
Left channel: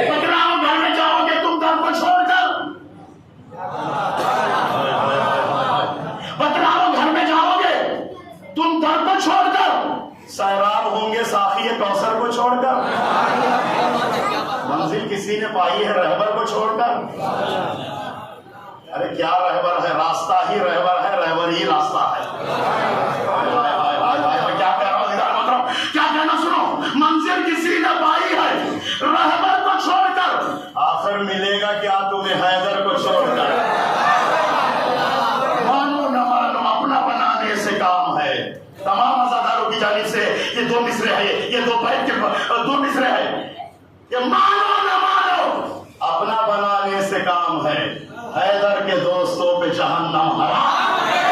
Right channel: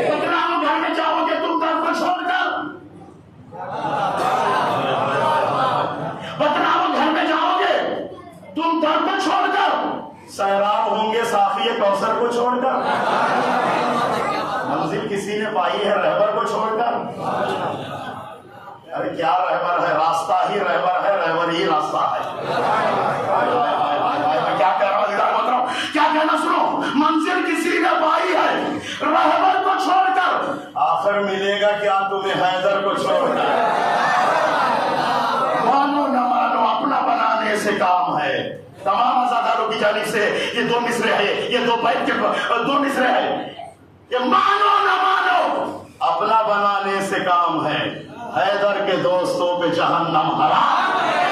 بدنام گھر میں جاؤ گے تم گھر کو چھوڑ کر، بدنام گھر میں جاؤ گے تم گھر کو چھوڑ کر، سیراب ہوں گے ساقی کوثر کو چھوڑ کر، منزل کسی نے پائی ہے رہبر کو چھوڑ کر، ارے کیا رہبر ہے، راستہ ہی رہبر ہے، رہبر ہی راستہ ہے، میں کیا کہہ رہا ہوں ادھر مطلب کیا کہنا سنو، منزل کسی نے پائی ہے رہبر کو چھوڑ کر، آخر ملے گا کیا تمہیں حیدر کو چھوڑ کر، مانو نہ مانو اپنا بنانے سے کام ہے، تمام ازاداروں کی جانب سے یہ دو مصرے ہیں، یہ دو بیت کے دو مصرے ہیں، کہ مانو نہ مانو اپنا بنانے سے کام ہے، حیدر کے دوستوں پہ جہنم حرام ہے۔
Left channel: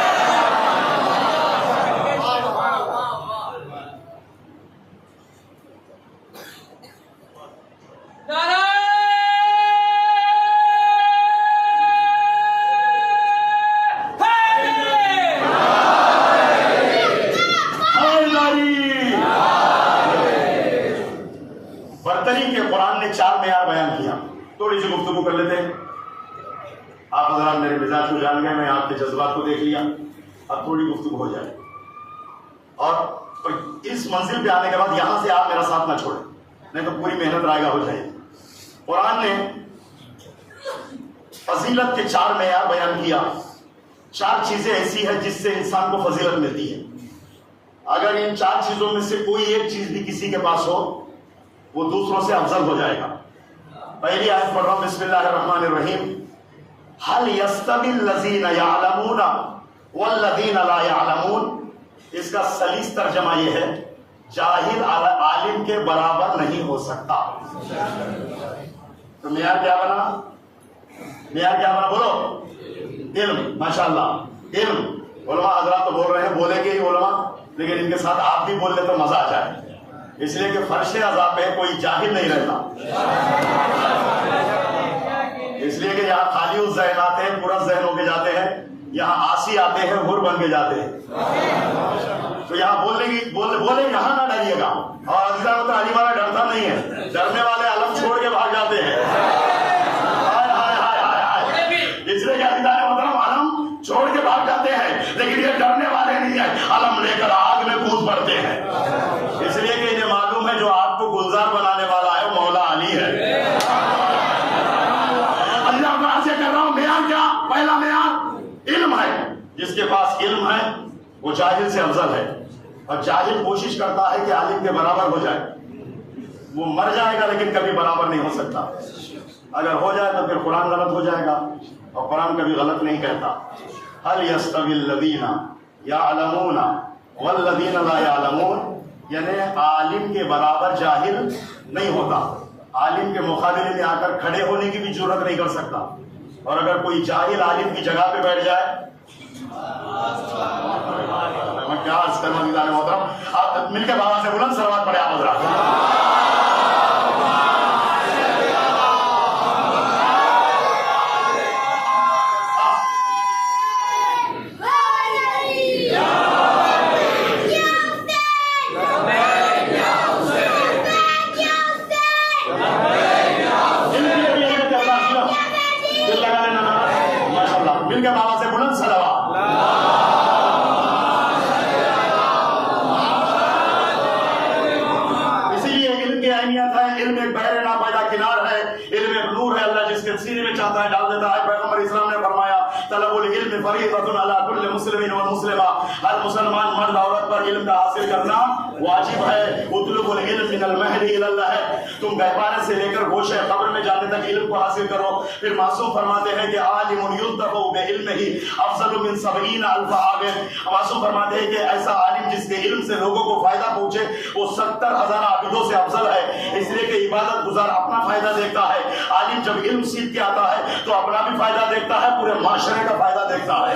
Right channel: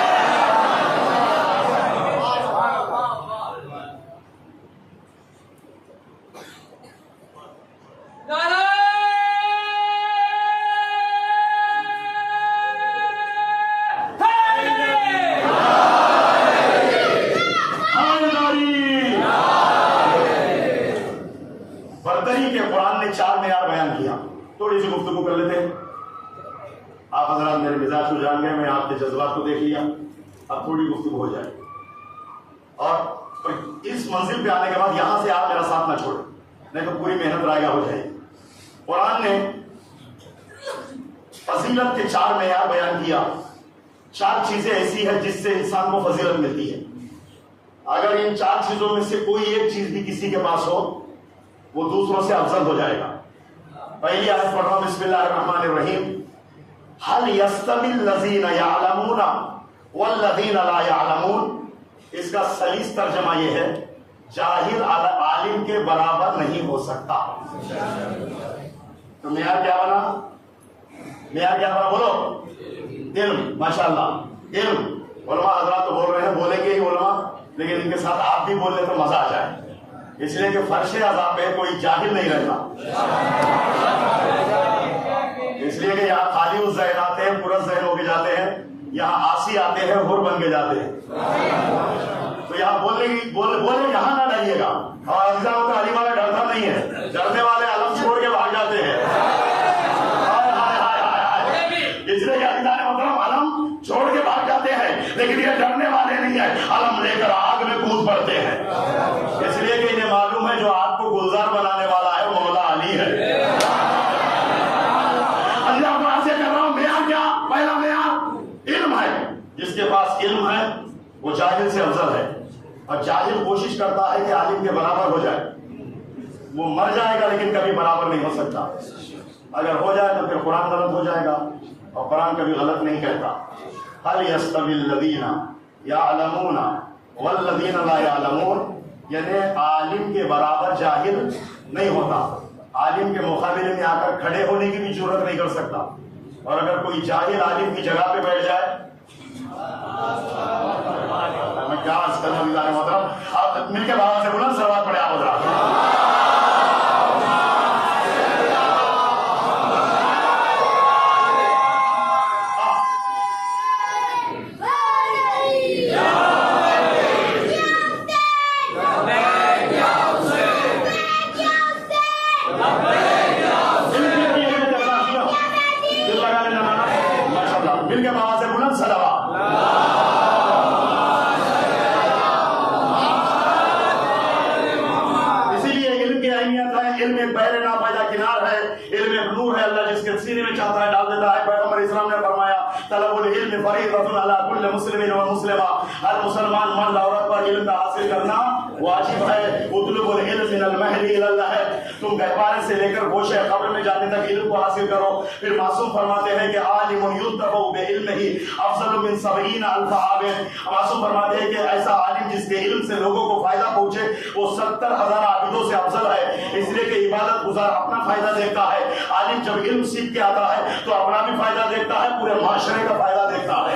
برتری کے قرآن نے 4 معیار بیان کیا، تھوڑی سی گفتگو کر لیتے ہیں، آپ حضرات میرے مزاج کو جان گئے، میں آپ کے جذبات کو دیکھ لیا، اب تھوڑی گفتگو ہو جائے، اور اس منزل پہ آنے کے بعد یہاں سے آپ میرا ساتھ نہ چھوڑیں، نہیں تو پوری محنت رائے گا ہو جائے۔ قرآن نے فضیلت کے 4 معیار بیان کیا، 4 چیزیں ایسی ہیں جس سے انسان کو فضیلت ملتی ہے. اگر ان 4 چیزوں میں سے کوئی ایک چیز بھی کسی کے پاس ہو وہ دوسروں سے افضل ہو جائے گا. پہلی آیت پڑھ رہا ہوں, بسم اللہ الرحمن الرحیم. هل يستوي الذين يعلمون والذين لا يعلمون. اس کا سلیس ترجمہ یہ ہے, جاہل عالم کے برابر نہیں ہو سکتا. تو معیار کیا بنا؟ معیار کیا بنا بولو؟ علم. ماشاءاللہ علم. علماء حضرات تو بول رہے ہیں, بولیں گے ہی علماء, لیکن ان کے ساتھ آپ بھی بول لیں تو مزہ آ جائے. اس لیے کہ فرش عذاب پہ کوئی جاہل نہیں رہتا. اس لیے کہ یہاں خالی الذہن آتے ہیں, پورا ذہن ہو کے جاتے ہیں. یہاں آسی آتے ہیں, حر بن کے جاتے ہیں. تو یہاں بولے یہاں نہ ڈریے گا. اور عزیزان ہوتا علی والا ڈرتا نہیں ہے, ڈرنے والے علم چھوڑ کے بھاگ جاتے ہیں. اس لیے کہ عزیزان محترم علم چھوڑ کے بھاگ جاتے ہیں, لیکن یہ ڈرنے والے نہیں ہیں, علم لے کر آگ میں کود پڑتے ہیں. اس لیے کہ انہیں معلوم ہے جو آگ کو گلزار بنانے والا ہے مولا علی ہے. اللہ تعالیٰ سے کر رہا ہوں, معیار کیا؟ پہلا معیار علم ہے. جس کے پاس علم ہے وہ جاہل سے افضل ہے. اور جاہل کوشش کرتا ہے کہ عالم کے برابر ہو جائے. وہ مر جائے گا لیکن کبھی برابر نہیں ہو سکتا. اگر ہو جائے تو پھر قرآن غلط ہو جائے گا, اور قرآن کبھی غلط نہیں کہتا. هل يستوي الذين يعلمون والذين لا يعلمون. یعنی عالم کے برابر جاہل نہیں ہوتا. عالم کے مقابلے میں آ کر کھڑے ہونے کی بھی جرات نہیں کر سکتا. اور اگر کوئی جاہل عالم کی جگہ پہ بیٹھ جائے, میں کیا عرض کروں عزیزان محترم, آپ مل کے بابا سے بلند صلوات پڑھے آپ حضرات. مل کے بابا سے بلند صلوات. اسی لیے علم کی اہمیت ہے. علم ایک بحر ناپیدا کنار ہے, علم ایک نور ہے. اللہ جس کے سینے میں چاہتا ہے ڈال دیتا ہے. پیغمبر اسلام نے فرمایا طلب العلم فریضۃ علی کل مسلم و مسلمہ. ہر مسلمان مرد عورت پر علم کا حاصل کرنا واجب ہے. اطلب العلم من المہد الی اللحد. تم گہوارے سے لے کر گوشے قبر میں جانے تک علم کو حاصل کرو. پھر معصوم فرماتے ہیں کہ عالم ينتفع بعلمہ افضل من 70,000 عابد. معصوم فرماتے ہیں کہ ایسا عالم جس کے علم سے لوگوں کو فائدہ پہنچے وہ 70,000 عابدوں سے افضل ہے. اس لیے کہ عبادت گزار اپنا فائدہ دیکھتا ہے, عالم جب علم سیکھ کے آتا ہے تو اپنا بھی فائدہ دیکھتا ہے, پورے معاشرے کا فائدہ دیکھتا ہے.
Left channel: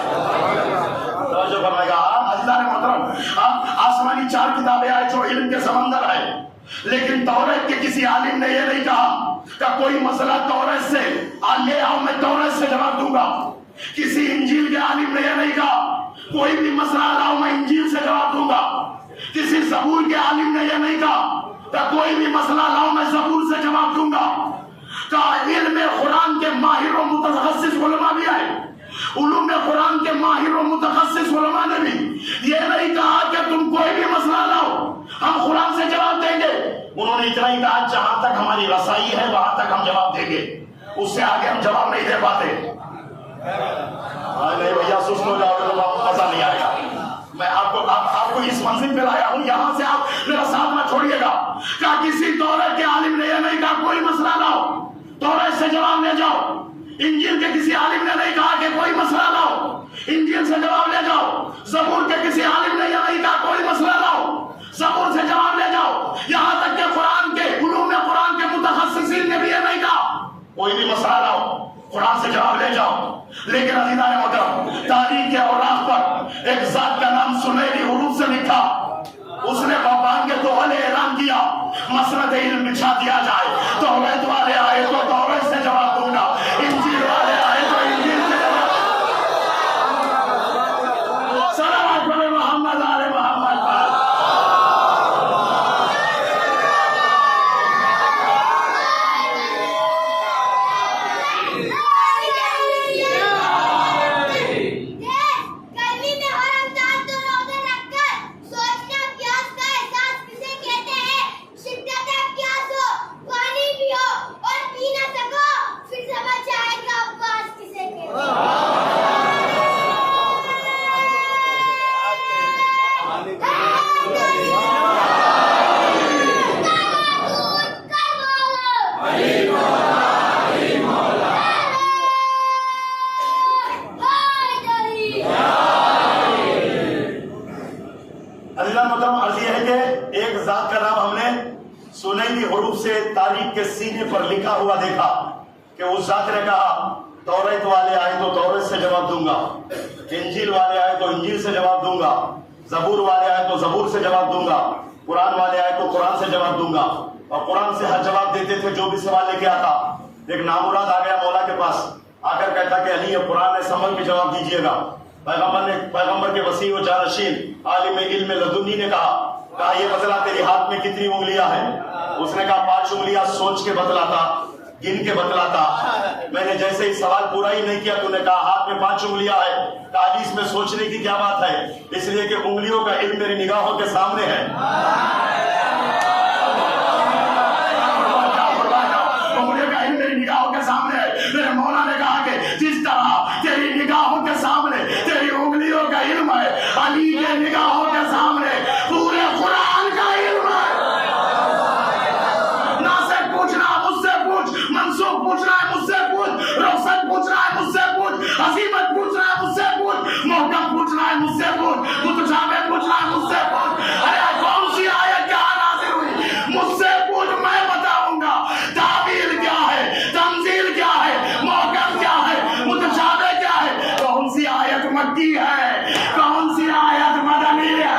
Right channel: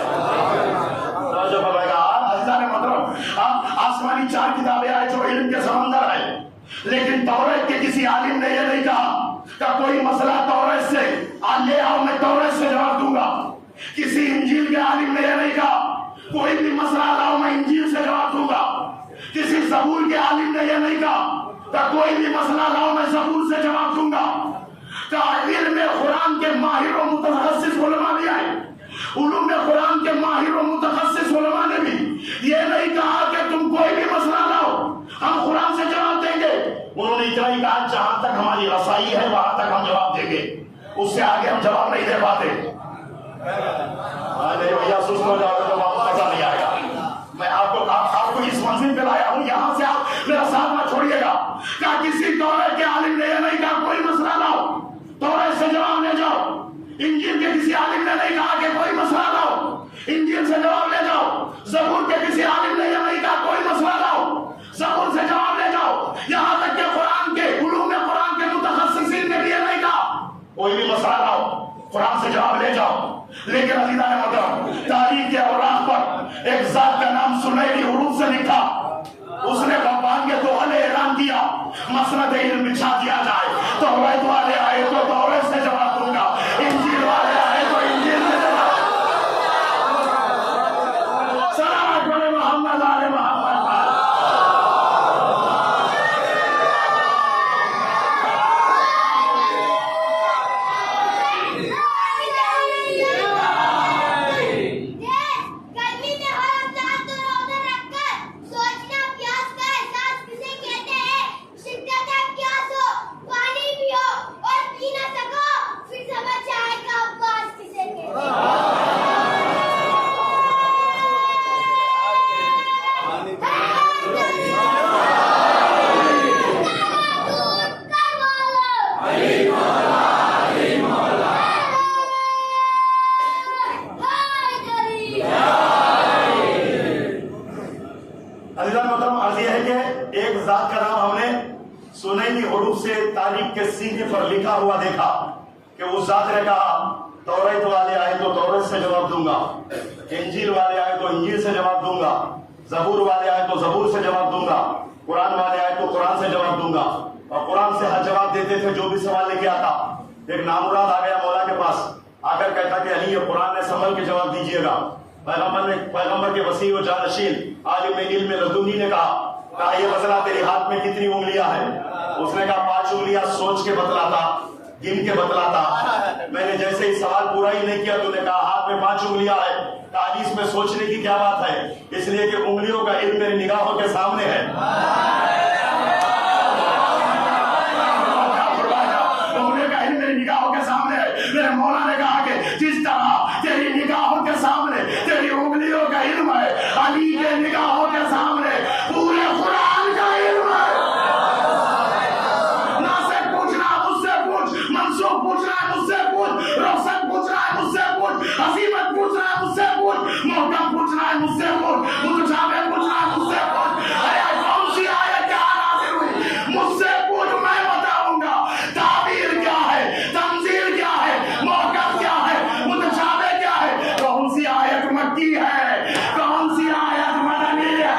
توجہ فرمائے گا عزیزان محترم. آسمانی 4 کتابیں آئے جو علم کے سمندر ہے, لیکن توریت کے کسی عالم نے یہ نہیں کہا کہ کوئی مسئلہ توریت سے لے آؤ, میں توریت سے جواب دوں گا. کسی انجیل کے عالم نے یہ نہیں کہا کوئی بھی مسئلہ لاؤ میں انجیل سے جواب دوں گا. کسی زبور کے عالم نے یہ نہیں کہا کہ کوئی بھی مسئلہ لاؤ میں زبور سے جواب دوں گا. کہ علم قرآن کے ماہر و متخصص علماء بھی آئے, علوم قرآن کے ماہر و متخصص علماء نے بھی یہ نہیں کہا کہ تم کوئی بھی مسئلہ لاؤ ہم قرآن سے جواب دیں گے. انہوں نے اتنا ہی کہا جہاں تک ہماری رسائی ہے وہاں تک ہم جواب دیں گے, اس سے آگے ہم جواب نہیں دے پاتے. نہیں بھیا سست ہو جاؤ گے تو آپ کو مزہ نہیں آئے گا. میں آپ کو اس منزل پہ لایا ہوں, یہاں سے آپ میرا ساتھ نہ چھوڑیے گا. کیا کسی توریت کے عالم نے یہ نہیں کہا کوئی مسئلہ لاؤ توریت سے جواب لے جاؤ. انجیل کے کسی عالم نے نہیں کہا کہ کوئی مسئلہ لاؤ انجیل سے جواب لے جاؤ. زبور کے کسی عالم نے یہ نہیں کہا کوئی مسئلہ لاؤ زبور سے جواب لے جاؤ. یہاں تک کہ قرآن کے علوم قرآن کے متخصصین نے بھی یہ نہیں کہا کوئی بھی مسئلہ لاؤ قرآن سے جواب لے جاؤ. لیکن عزیزان محترم تاریخ کے اوراق پر ایک ذات کا نام سنہری حروف سے لکھا, اس نے باغبان کے دوحلے اعلان کیا مسند علم بچھا دیا جائے. توریت والے آئے تو توریت سے جواب دوں گا, انجیل والے آئے تو انجیل سے جواب. سلام علیکم محمد آل محمد. شدت پیاس ہو پانی پیو اور پینا ایک ذات کا نام ہم نے سنہری حروف سے تاریخ کے سینے پر لکھا ہوا دیکھا کہ اس ذات نے کہا توریت والے آئے تو توریت سے جواب دوں گا، انجیل والے آئے تو انجیل سے جواب دوں گا، زبور والے آئے تو زبور سے جواب دوں گا، قرآن والے آئے تو قرآن سے جواب دوں گا۔ اور قرآن سے ہر جواب دیتے تھے جو بھی سوال لے کے آتا۔ ایک نامراد آ گیا مولا کے پاس، آ کر کہتا کہ علی قرآن نے سنبھل کے جواب دیجیے گا۔ پیغمبر کے وسیع و جانشین عالم علم لدنی نے کہا یہ بتلا تیری ہاتھ میں کتنی انگلیاں ہیں؟ اس نے کہا 5 انگلیاں، سوچ کے بتلاتا، گن کے بتلاتا۔ میں نے جیسے ہی سوال پورا ہی نہیں کیا تو نے کہا ہاتھ میں 5 انگلیاں ہیں۔ کہا اس میں سوچنے کی کیا بات ہے؟ اس لیے کہ انگلیوں کا علم میری نگاہوں کے سامنے ہے۔ انگلیوں کا علم میری نگاہوں کے سامنے ہے۔ میرے مولا نے کہا کہ جس طرح تیری نگاہوں کے سامنے تیری انگلیوں کا علم ہے، علی کے نگاہوں کے سامنے پورے قرآن کا علم ہے۔ ناصر پوچھنا مجھ سے پوچھ، منصور پوچھنا ہے مجھ سے پوچھ، روشن پوچھنا ہے مجھ سے پوچھ، حسیمت پوچھنا ہے مجھ سے پوچھ، محکم پوچھنا ہے مجھ سے پوچھ، متشابہ پوچھنا ہے مجھ سے پوچھ۔ ارے کون سی آیت کیا نازل ہوئی مجھ سے پوچھ، میں بتاؤں گا۔ تعبیر کیا ہے، تنزیل کیا ہے، محکم کیا ہے، متشابہ کیا ہے، کون سی آیت مکی ہے، کون سی آیت مدنی ہے۔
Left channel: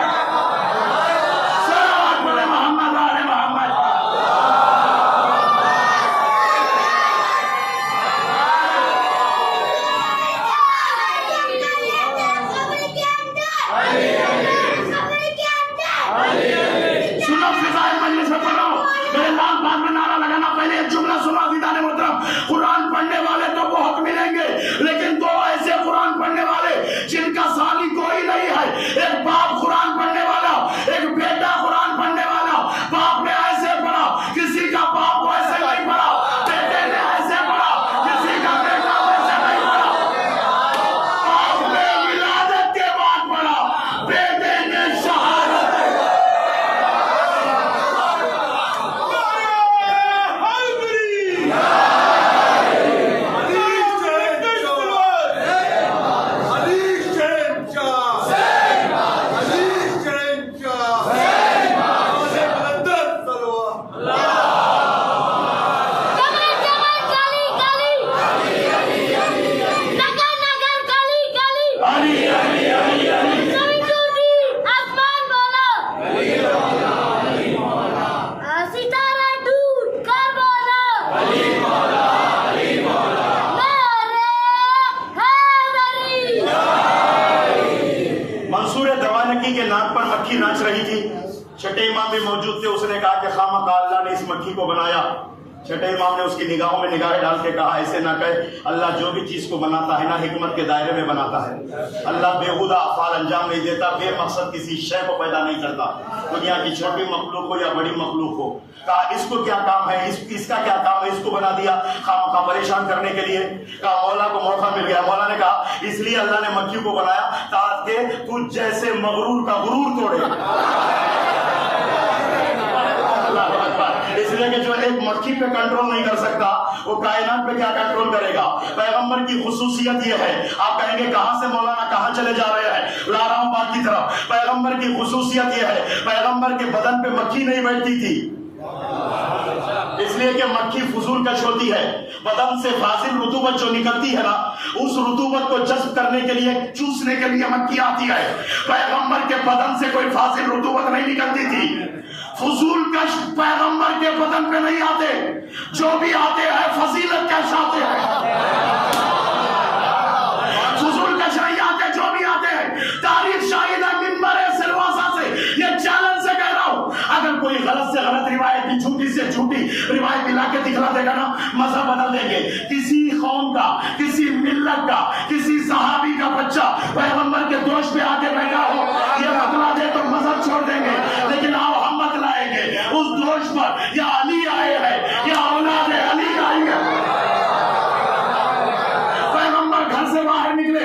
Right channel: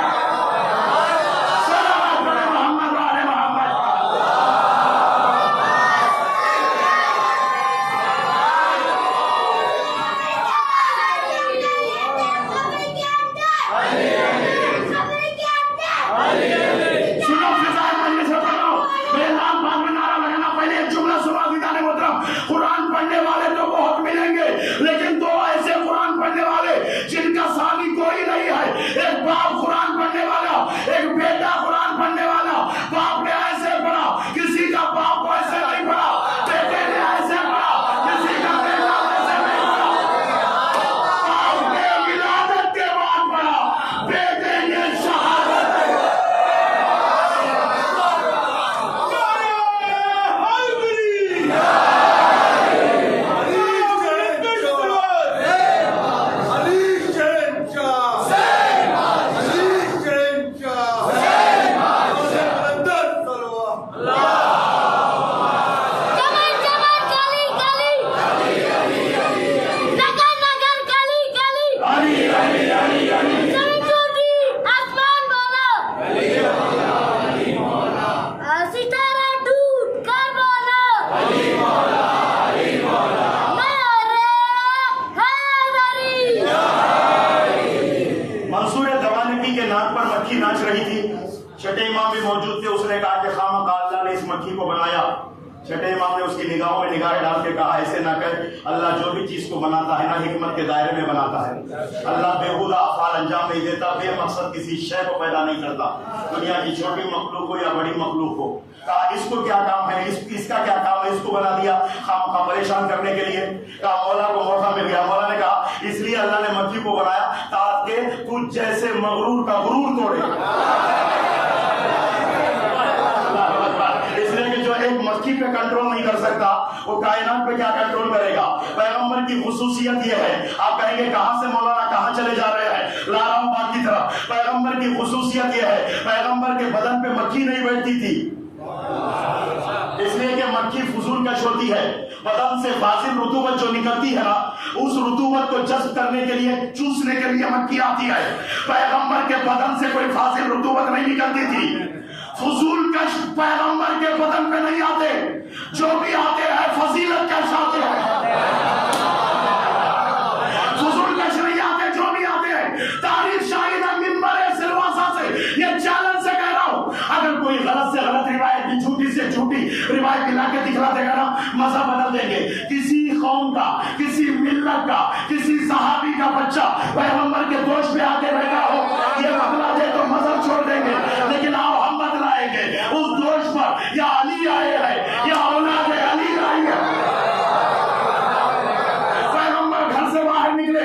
صلوات علی محمد و آل محمد۔ سنو فضائل مجلس میں پڑھو، میرے لال بات میں نعرہ لگانا، پہلے ایک جملہ سنا دیدان محترم۔ قرآن پڑھنے والے تو بہت ملیں گے، لیکن 2 ایسے قرآن پڑھنے والے جن کا ثانی کوئی نہیں ہے۔ ایک باپ قرآن پڑھنے والا، ایک بیٹا قرآن پڑھنے والا۔ باپ نے ایسے پڑھا، کسی کا باپ ایسے نہیں پڑھا، بیٹے نے ایسے پڑھا، کسی کا بیٹا ایسے نہیں پڑھا۔ باپ نے ولادت کے بعد پڑھا، بیٹے نے شہادت۔ ناچ رہی تھی، چھٹے امام بھی موجود تھے۔ اس نے کہا کہ خامخواہ اللہ نے اس مکھی کو بنایا۔ چھٹے امام نے اس کی نگاہوں میں نگاہیں ڈال کے کہا ایسے نہ کہے، اللہ جو بھی چیز کو بناتا ہے نا حکمت کے دائرے میں بناتا ہے۔ اللہ بےہودہ افعال انجام نہیں دیتا، بے مقصد کسی شے کو پیدا نہیں کرتا، دنیا کی چھوٹی مخلوق ہو یا بڑی مخلوق ہو۔ کہا اس کو کیا کام ہے، اس کا کیا کام ہے، اس کو بنا دیا خامخواہ پریشان کرنے کے لیے۔ کہا مولا کو موقع مل گیا۔ مولا نے کہا اس لیے اللہ نے مکھی کو بنایا تاکہ تجھ جیسے مغرور کا غرور توڑے۔ اس لیے کہ جو ایک مکھی پہ کنٹرول نہیں کر سکتا وہ کائنات پہ کیا کنٹرول کرے گا۔ پیغمبر کی خصوصیت یہ ہے، آپ کہیں گے کہاں سے مولانا کہاں چلے جا رہے ہیں، لا رہا ہوں بات کی طرف۔ پیغمبر کی خصوصیت یہ ہے، پیغمبر کے بدن پہ مکھی نہیں بیٹھتی تھی، اس لیے کہ مکھی فضول کش ہوتی ہے۔ بدن سے فاضل رطوبت جو نکلتی ہے نا، اس رطوبت کو جذب کرنے کے لیے، چوسنے کے لیے مکھی آتی ہے۔ پیغمبر کے بدن سے کوئی فاضل رطوبت نہیں نکلتی تھی۔ فضول کش پیغمبر کے بدن پہ نہیں آتے، جو بھی آتے ہیں فضیلت کش آتے ہیں۔ فضول کش نہیں آتے، جو بھی آتے ہیں۔ تاریخ شاہد ہے ممبر سلواسا سے یہ چیلنج سے کہہ رہا ہوں، اگر کوئی غلط سے غلط روایت کی، جھوٹی سے جھوٹی روایت لا کے دکھلا دے گا نا، مذہب بدل دیں گے۔ کسی قوم کا، کسی ملت کا، کسی صحابی کا بچہ پیغمبر کے دوش پہ آ کے بیٹھا ہو، یہ بتلا دے تو مذہب چھوڑ دیں گے، لیکن آپ ہم بتلائیں گے اس دوش پر یا علی آئے ہیں یا اولاد علی آئی ہے۔ پیغمبر گھر سے باہر نکلے،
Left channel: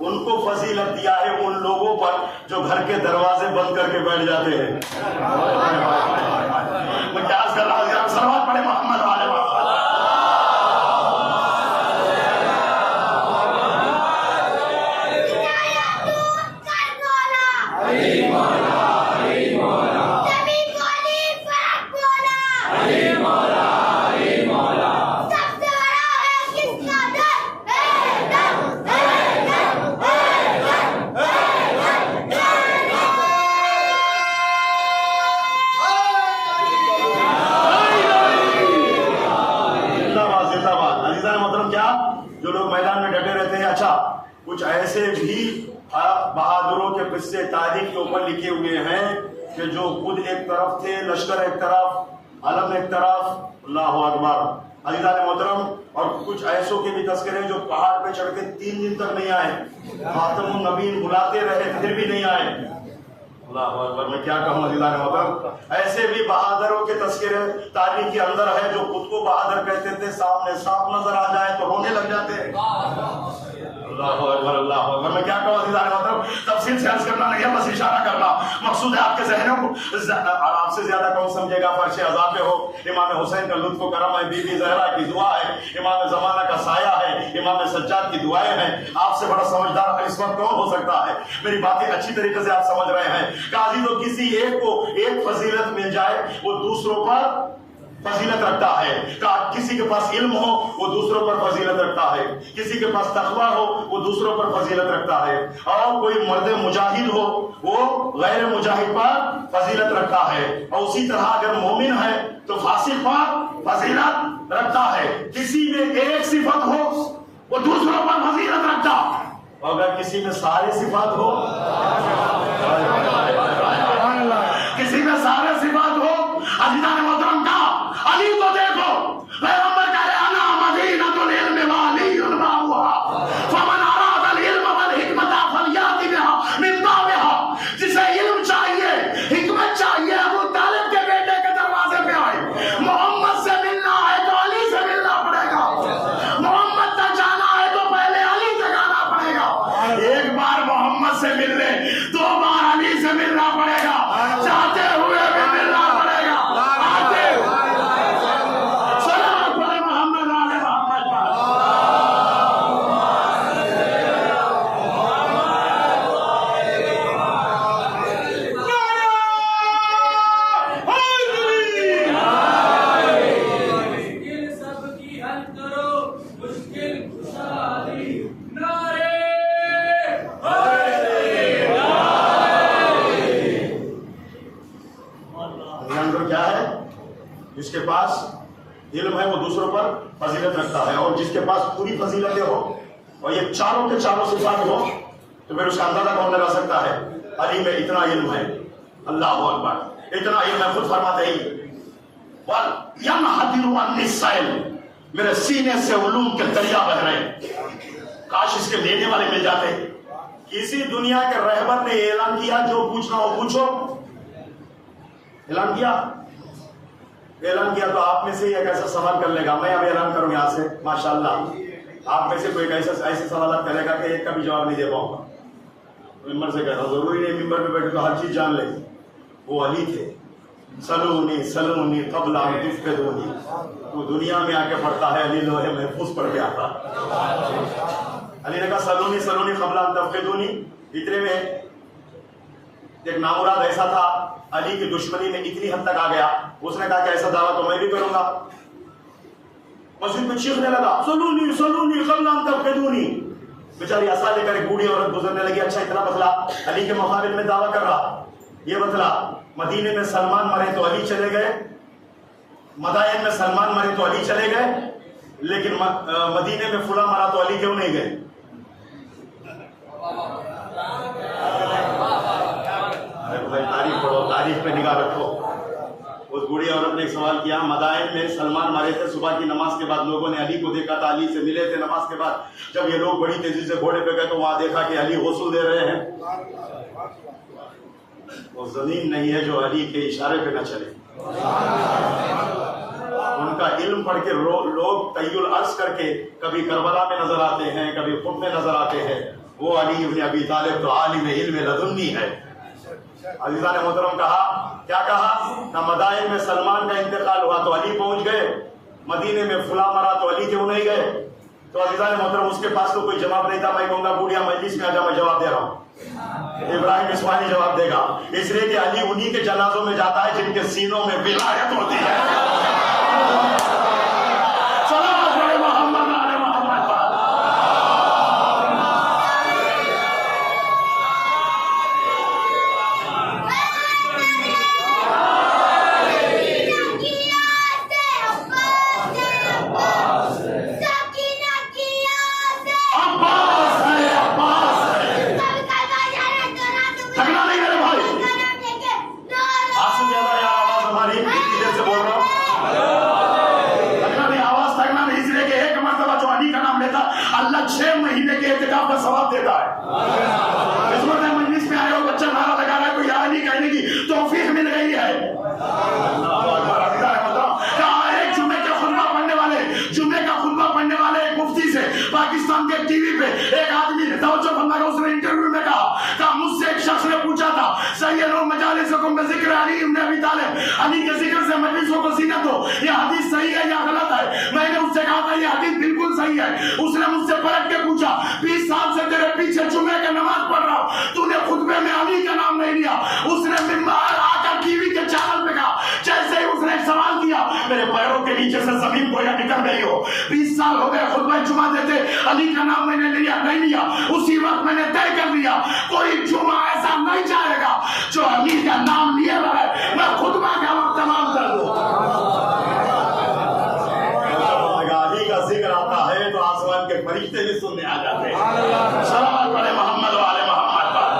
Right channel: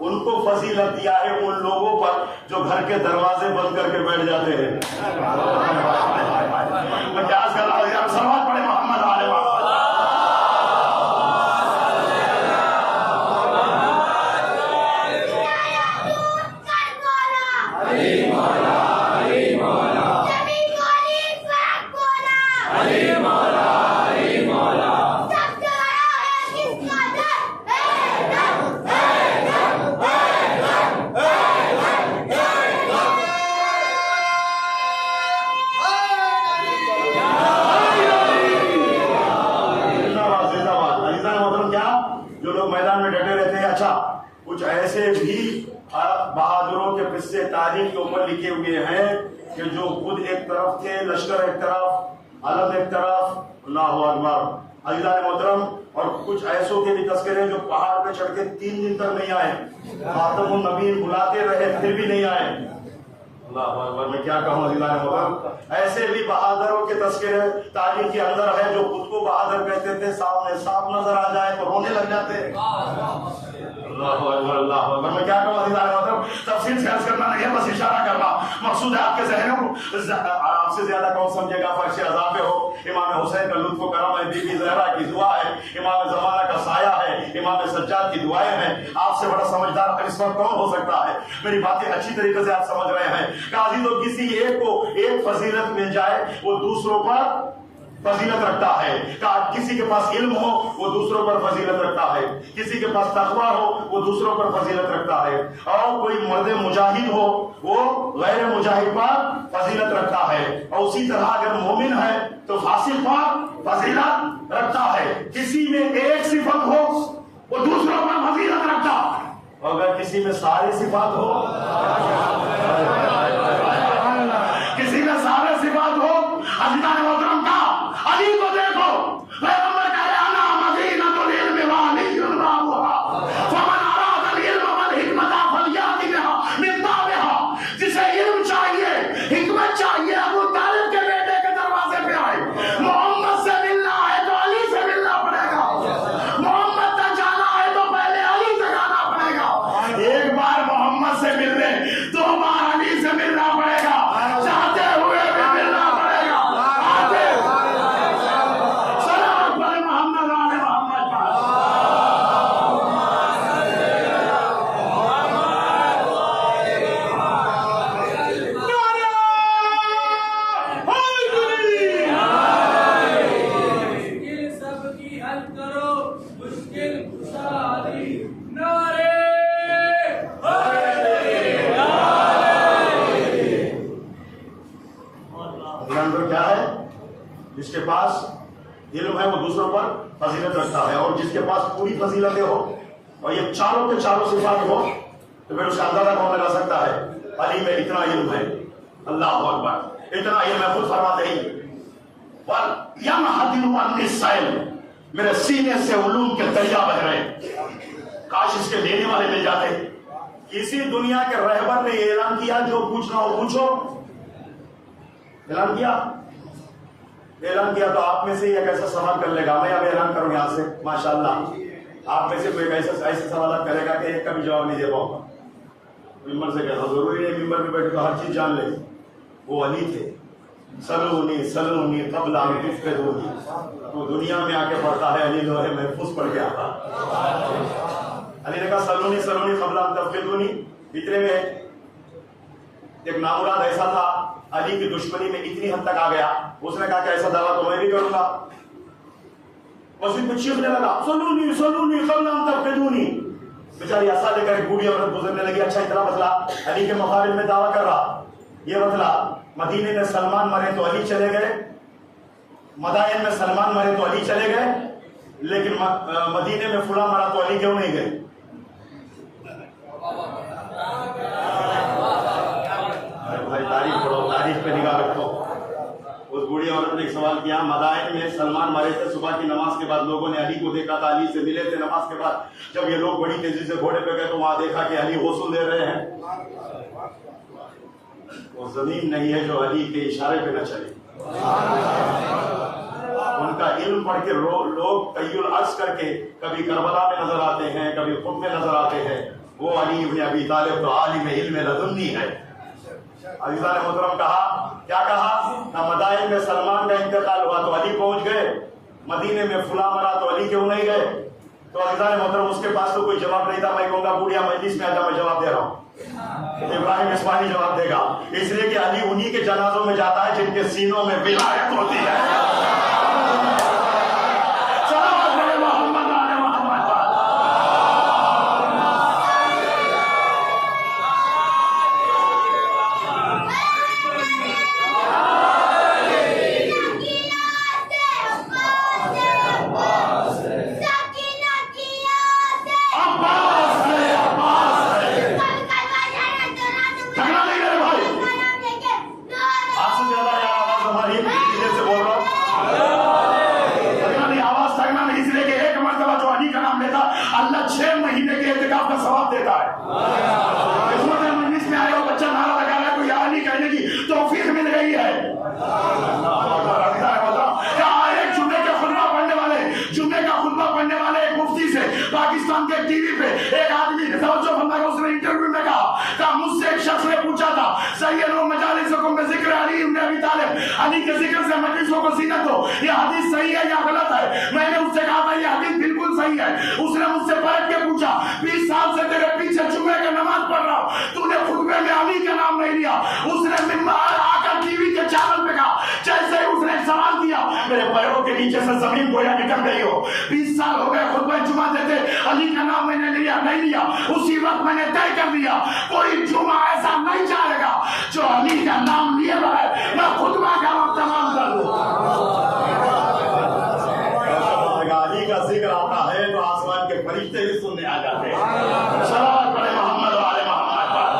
ان کو فضیلت دیا ہے ان لوگوں پر جو گھر کے دروازے بند کر کے بیٹھ جاتے ہیں. میں کیا عرض کر رہا ہوں؟ سلوات پڑھے محمد علیہ وسلم. جو لوگ میدان میں ڈٹے رہتے ہیں. اچھا کچھ ایسے بھی بہادروں کے قصے تاریخ کے اوپر لکھے ہوئے ہیں کہ جو خود ایک طرف تھے، لشکر ایک طرف، علم ایک طرف. اللہ اکبر. عزیزان محترم، اور کچھ ایسوں کے بھی تذکرے جو پہاڑ پہ چڑھ کے 3 دن تک نہیں آئے، خاتم النبیین بلاتے رہے پھر بھی نہیں آئے. اللہ اکبر. میں کیا کہوں عزیزان محترم، ایسے بھی بہادروں کے تذکرے تاریخ کے اندر ہے جو خود کو بہادر کہتے تھے، سامنے صاف نظر آ جائے تو رونے لگ جاتے. اللہ اکبر اللہ اکبر. میں کیا کہوں عزیزان محترم، تفصیل سے عرض کرنا نہیں ہے، بس اشارہ کرنا. مقصود ہے آپ کے ذہنوں کو آپ سے زیادہ کون سمجھے گا. فرش عذاب پہ ہو، امام حسین کا لطف و کرم ہے، بی بی زہرا کی دعا ہے، امام زمانہ کا سایہ ہے، امام سجاد کی دعائیں ہیں. آپ سے بڑا سمجھدار اس وقت کون ہو سکتا ہے؟ میری باتیں اچھی طریقے سے آپ سمجھ رہے ہیں. عزیزوں، کسی ایک کو ایک فضیلت مل جائے وہ دوسروں پر فضیلت رکھتا ہے. کسی کے پاس علم ہو وہ دوسروں پر فضیلت رکھتا ہے، کسی کے پاس تقویٰ ہو وہ دوسروں پر فضیلت رکھتا ہے، اور کوئی مرد مجاہد ہو وہ غیر مجاہد پر فضیلت رکھتا ہے. اور اسی طرح اگر مومن ہے تو فاسق پر فضیلت رکھتا ہے. کسی میں ایک صفت ہو وہ دوسروں پر فضیلت رکھتا، اور اگر کسی میں ساری صفات ہو، کسی میں سارے صفات ہو. عزیزان محترم کا علی کو دیکھو، پیغمبر کہہ رہے انا مدینۃ العلم وعلی بابها فمن اراد العلم والحکمۃ فلیأت بها من بابها. جسے علم چاہیے، حکمت چاہیے، ابو طالب کے بیٹے کے دروازے پہ آئے. محمد سے ملنا ہے تو علی سے ملنا پڑے گا، محمد تک جانا ہے تو پہلے علی سے جانا پڑے گا. ایک بار محمد سے ملنے 2 بار علی سے ملنا پڑے گا، چاہتے ہوئے بھی ملنا پڑے گا. سلام علیہ محمد علیہ محمد. مشکل سب کی حل کرو، مشکل خوشحالی. نعرے اندر کیا ہے؟ جس کے پاس علم ہے وہ دوسروں پر فضیلت رکھتا ہے، اور جس کے پاس پوری فضیلتیں ہو اور یہ چاروں کے چاروں صفات ہو تو پھر اس کا اندازہ کون لگا سکتا ہے؟ علی میں اتنا علم ہے، اللہ اکبر، اتنا علم ہے. خود فرماتے ہی میرے سینے سے علوم کے دریا بہ رہے ہیں. کاش اس کے لینے والے مل جاتے. کسی دنیا کے رہبر نے اعلان کیا جو پوچھنا ہو پوچھو. اعلان کیا تو آپ میں سے ایک ایسا سوال کر لے گا. میں اب اعلان کروں یہاں سے، ماشاءاللہ آپ میں سے کوئی ایسے سوالات کرے گا کہ ایک کا بھی جواب نہیں دے پاؤں گا. ممبر سے کہتا ضروری نہیں ممبر پہ بیٹھے تو ہر چیز جان لے. وہ علی تھے، سلونی سلونی قبل ان تفقدونی. وہ دنیا میں آ کے پڑھتا ہے، علی لوہے محفوظ پڑھ کے آتا. علی نے کہا سلونی سلونی قبل ان تفقدونی. اتنے میں ایک نامراد ایسا تھا، علی کی دشمنی میں اتنی حد تک آ گیا، اس نے کہا کہ ایسا دعویٰ تو میں بھی کروں گا. مسجد میں چیخنے لگا سلونی سلونی قبل ان تفقدونی. بیچاری عصا لے کر ایک بوڑھی عورت گزرنے لگی. اچھا اتنا مسئلہ علی کے مقابل میں دعویٰ کر رہا. یہ مسئلہ مدینے میں سلمان مرے تو علی چلے گئے، مدائن میں سلمان مرے تو علی چلے گئے، لیکن مدینے میں فلاں مرا تو علی کیوں نہیں گئے؟ بھائی تاریخ پڑھو، تاریخ پہ نگاہ رکھو. اس بوڑھی عورت نے ایک سوال کیا، مدائن میں سلمان مرے تھے، صبح کی نماز کے بعد لوگوں نے علی کو دیکھا تھا، علی سے ملے تھے نماز کے بعد. جب یہ لوگ بڑی تیزی سے گھوڑے پہ گئے تو وہاں دیکھا کہ علی غسل دے رہے ہیں. وہ زمین نہیں ہے جو علی کے اشارے پہ نہ چلے. ان کا علم پڑھ کے لوگ تیل عرض کر کے کبھی کربلا میں نظر آتے ہیں، کبھی خود میں نظر آتے ہیں. وہ علی ابن ابی طالب تو عالم علم لدنی ہے. عزیزان محترم کیا کہا مدائن میں سلمان کا انتقال ہوا تو علی پہنچ گئے, مدینے میں فلاں مرا تو علی کیوں نہیں گئے؟ تو عزیزان محترم اس کے پاس تو کوئی جواب نہیں تھا. میں کہوں گا بوڑھیا مجلس میں آجا, میں جواب دے رہا ہوں. ابراہیم اسماعیلی جواب دے گا, اس لیے کہ علی انہی کے جنازوں میں جاتا ہے جن کے سینوں میں ولایت ہوتی ہے. صلوات پڑھے محمد آل محمد پر. اللہ 6 مہینے کے اعتکاف کا ثواب دیتا ہے. خدمت مجلس میں آئے ہو, بچہ نعرہ لگا رہا ہے تو یا علی کہنے کی توفیق مل گئی ہے. ایک جمعے کا خطبہ پڑھنے والے ایک مفتی سے پاکستان کے ٹی وی پہ ایک آدمی توجہ فرمایا, اس نے انٹرویو میں کہا مجھ سے ایک شخص نے پوچھا تھا سیدوا مجالسکم بذکر علی ابن ابی طالب, علی کے ذکر سے مجلسوں کو زینت ہو, یہ حدیث صحیح ہے یا غلط ہے؟ میں نے اس سے کہا تھا یہ حدیث بالکل صحیح ہے. اس نے مجھ سے پلٹ کے پوچھا 20 سال سے تیرے پیچھے جمعے کی نماز پڑھ رہا ہوں, تو نے خطبے میں علی کا نام نہیں لیا. اس نے منبر آ کر ٹی وی کے چینل پہ کہا, جیسے ہی اس نے ایک سوال کیا میرے پیروں کے نیچے سے زمین گویا نکل گئی ہو. 20 سال ہو گئے خطبہ جمعہ دیتے, علی کا نام میں نے لیا نہیں لیا. اسی وقت میں نے طے کر لیا کوئی جمعہ ایسا نہیں جائے گا جو علی کا نام لیے بغیر میں خطبہ کا وقت تمام کر دوں. علی کا ذکر آتا ہے تو آسمان کے فرشتے بھی سننے آ جاتے ہیں. صلوات پڑھے محمد والے محمد پر.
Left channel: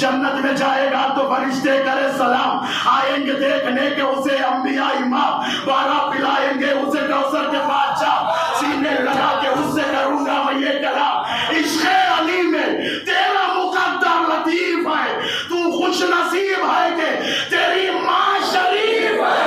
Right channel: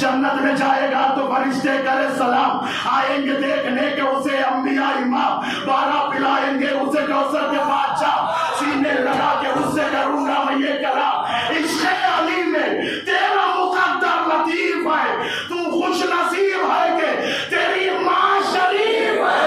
جنت میں جائے گا تو فرشتے کرے سلام, آئیں گے دیکھنے کے اسے انبیاء امام, 12 پلائیں گے اسے کوثر کے بادشاہ, سینے لگا کے اس سے کروں گا میں یہ کلام. عشق علی میں تیرا مقدر لطیف ہے, تو خوش نصیب ہے کہ تیری ماں شریف ہے.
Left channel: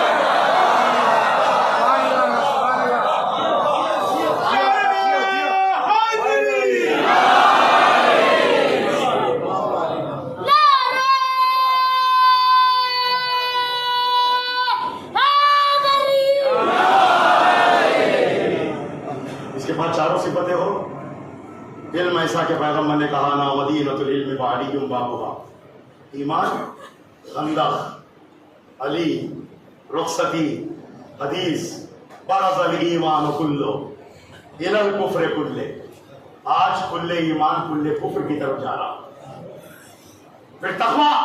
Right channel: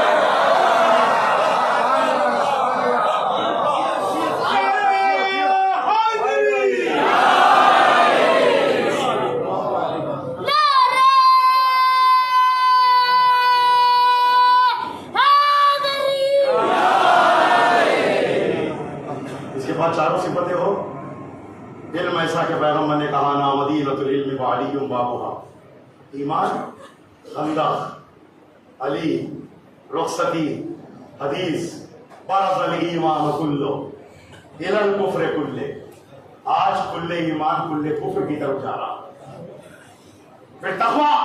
چاروں صفتیں ہو. علم ایسا کہ پیغمبر نے کہا نا مدینۃ العلم وعلی بابها, ایمان خندق علی رخصتی حدیث برز الایمان کلو الی الکفر کلے. آج کلے ایمان کلے کفر کی طرف جا رہا. پھر تقویٰ,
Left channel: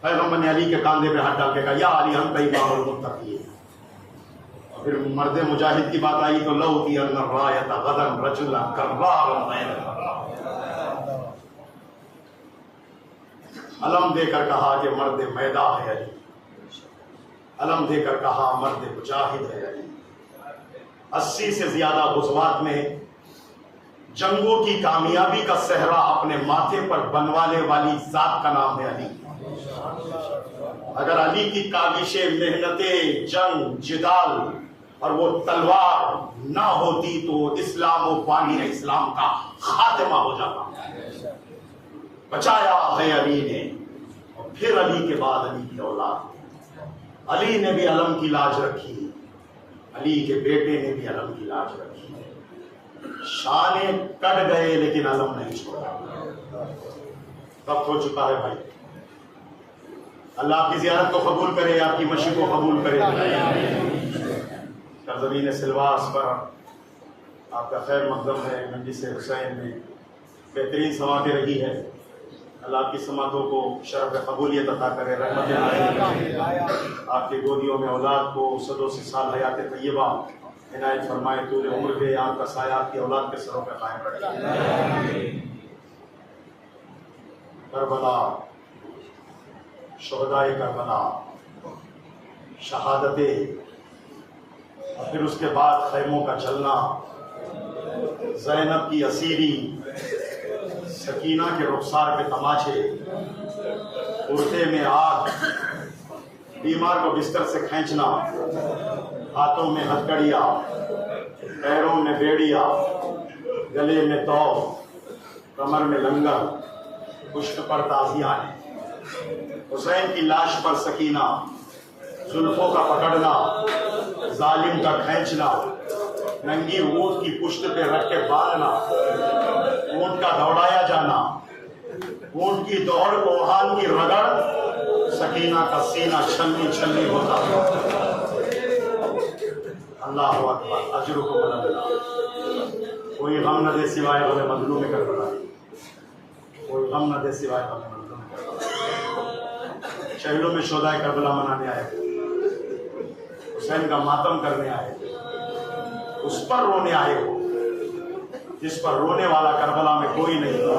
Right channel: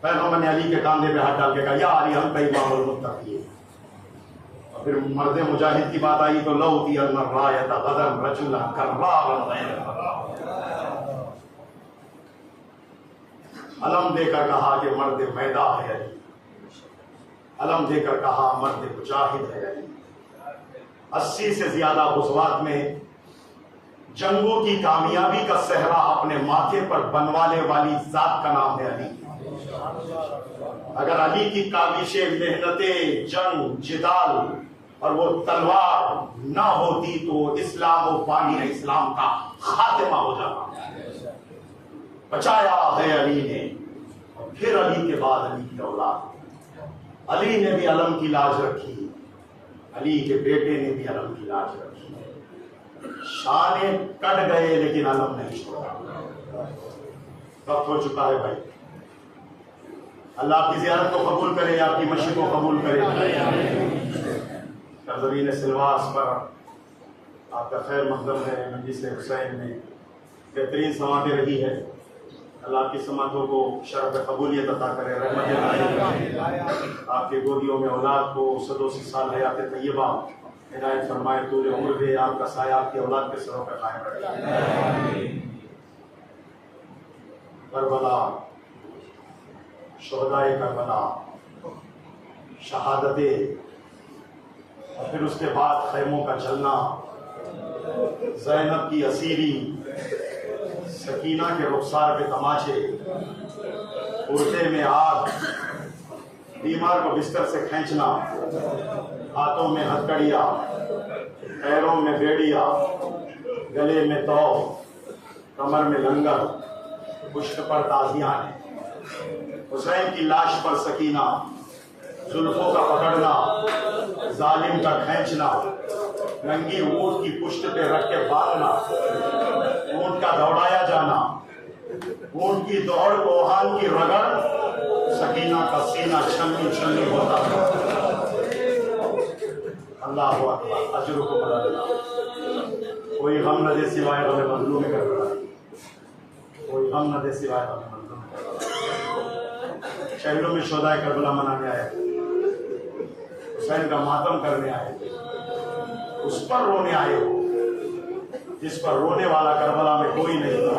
پیغمبر نے علی کے کاندھے پہ ہاتھ ڈال کے کہا یا علی ہم کا امام المتقین. پھر مرد مجاہد کی بات آئی تو لو کی الرایت غدن رجلا کرارا غیر علم دے کر کہا کہ مرد میدان ہے علی, علم دے کر کہا مرد مجاہد ہے علی. 80 سے زیادہ غزوات میں جنگوں کی کامیابی کا صحرا اپنے ماتھے پر بنوانے والی ذات کا نام ہے علی. اگر علی کی کاوشیں, محنتیں, جنگ, جدال اور وہ تلوار نہ ہوتی تو اسلام و بانی اسلام کا خاتمہ ہو جاتا. بچایا ہے علی نے, اور پھر علی کے بعد علی کی اولاد. علی نے بھی علم کی لاج رکھی, علی کے بیٹے نے بھی علم کی لاج رکھی. شانے کٹ گئے لیکن علم نہیں چھوڑا. وقت ہو چکا ہے بھائی, اللہ آپ کی زیارت کو قبول کرے, آپ کی مشی کو قبول کرے. سرزمین سلواس پر آپ کا خیر مقدم ہے. مجلس حسین میں بہترین سماعتیں رہی ہے. اللہ آپ کی سماعتوں کو شرف قبولیت عطا کرے, رحمت کرے. آپ کے گودیوں میں اولاد کو 180 سال حیات طیبہ عنایت فرمائے, طول عمر دے, آپ کا سایہ آپ کی اولاد کے سروں پہ قائم رکھے. کربلا، شہدائے کربلا، شہادتیں، اور پھر اس کے بعد خیموں کا جلنا، زینب کی اسیری، سکینہ کے رخسار پہ تماچے، کرتے میں آگ، بیمار کو بستر سے کھینچنا، ہاتھوں میں ہتھکڑیاں، پیروں میں بیڑیا، گلے میں تو، کمر میں لنگر، پشت پر تازیانے، حسین کی لاش پر سکینہ، زلفوں کا پکڑنا، ظالم کا کھینچنا، ننگی اونٹ کی پشت پہ رکھ کے باندھنا، اونٹ کا دوڑایا جانا، اونٹ کی دوڑ کوہان کی رگڑ، سکینہ کا سینہ چھلنی چھلنی ہوتا۔ اللہ اکبر، اجرکم اللہ۔ کوئی غم نہ دے سوائے غم مظلوم کربلا، کوئی غم نہ دے سوائے غم مظلوم کربلا۔ شہیدوں میں شہدائے کربلا منانے آئے، حسین کا ماتم کرنے آئے، اس پر رونے آئے ہو جس پر رونے والا کربلا میں کوئی نہیں تھا،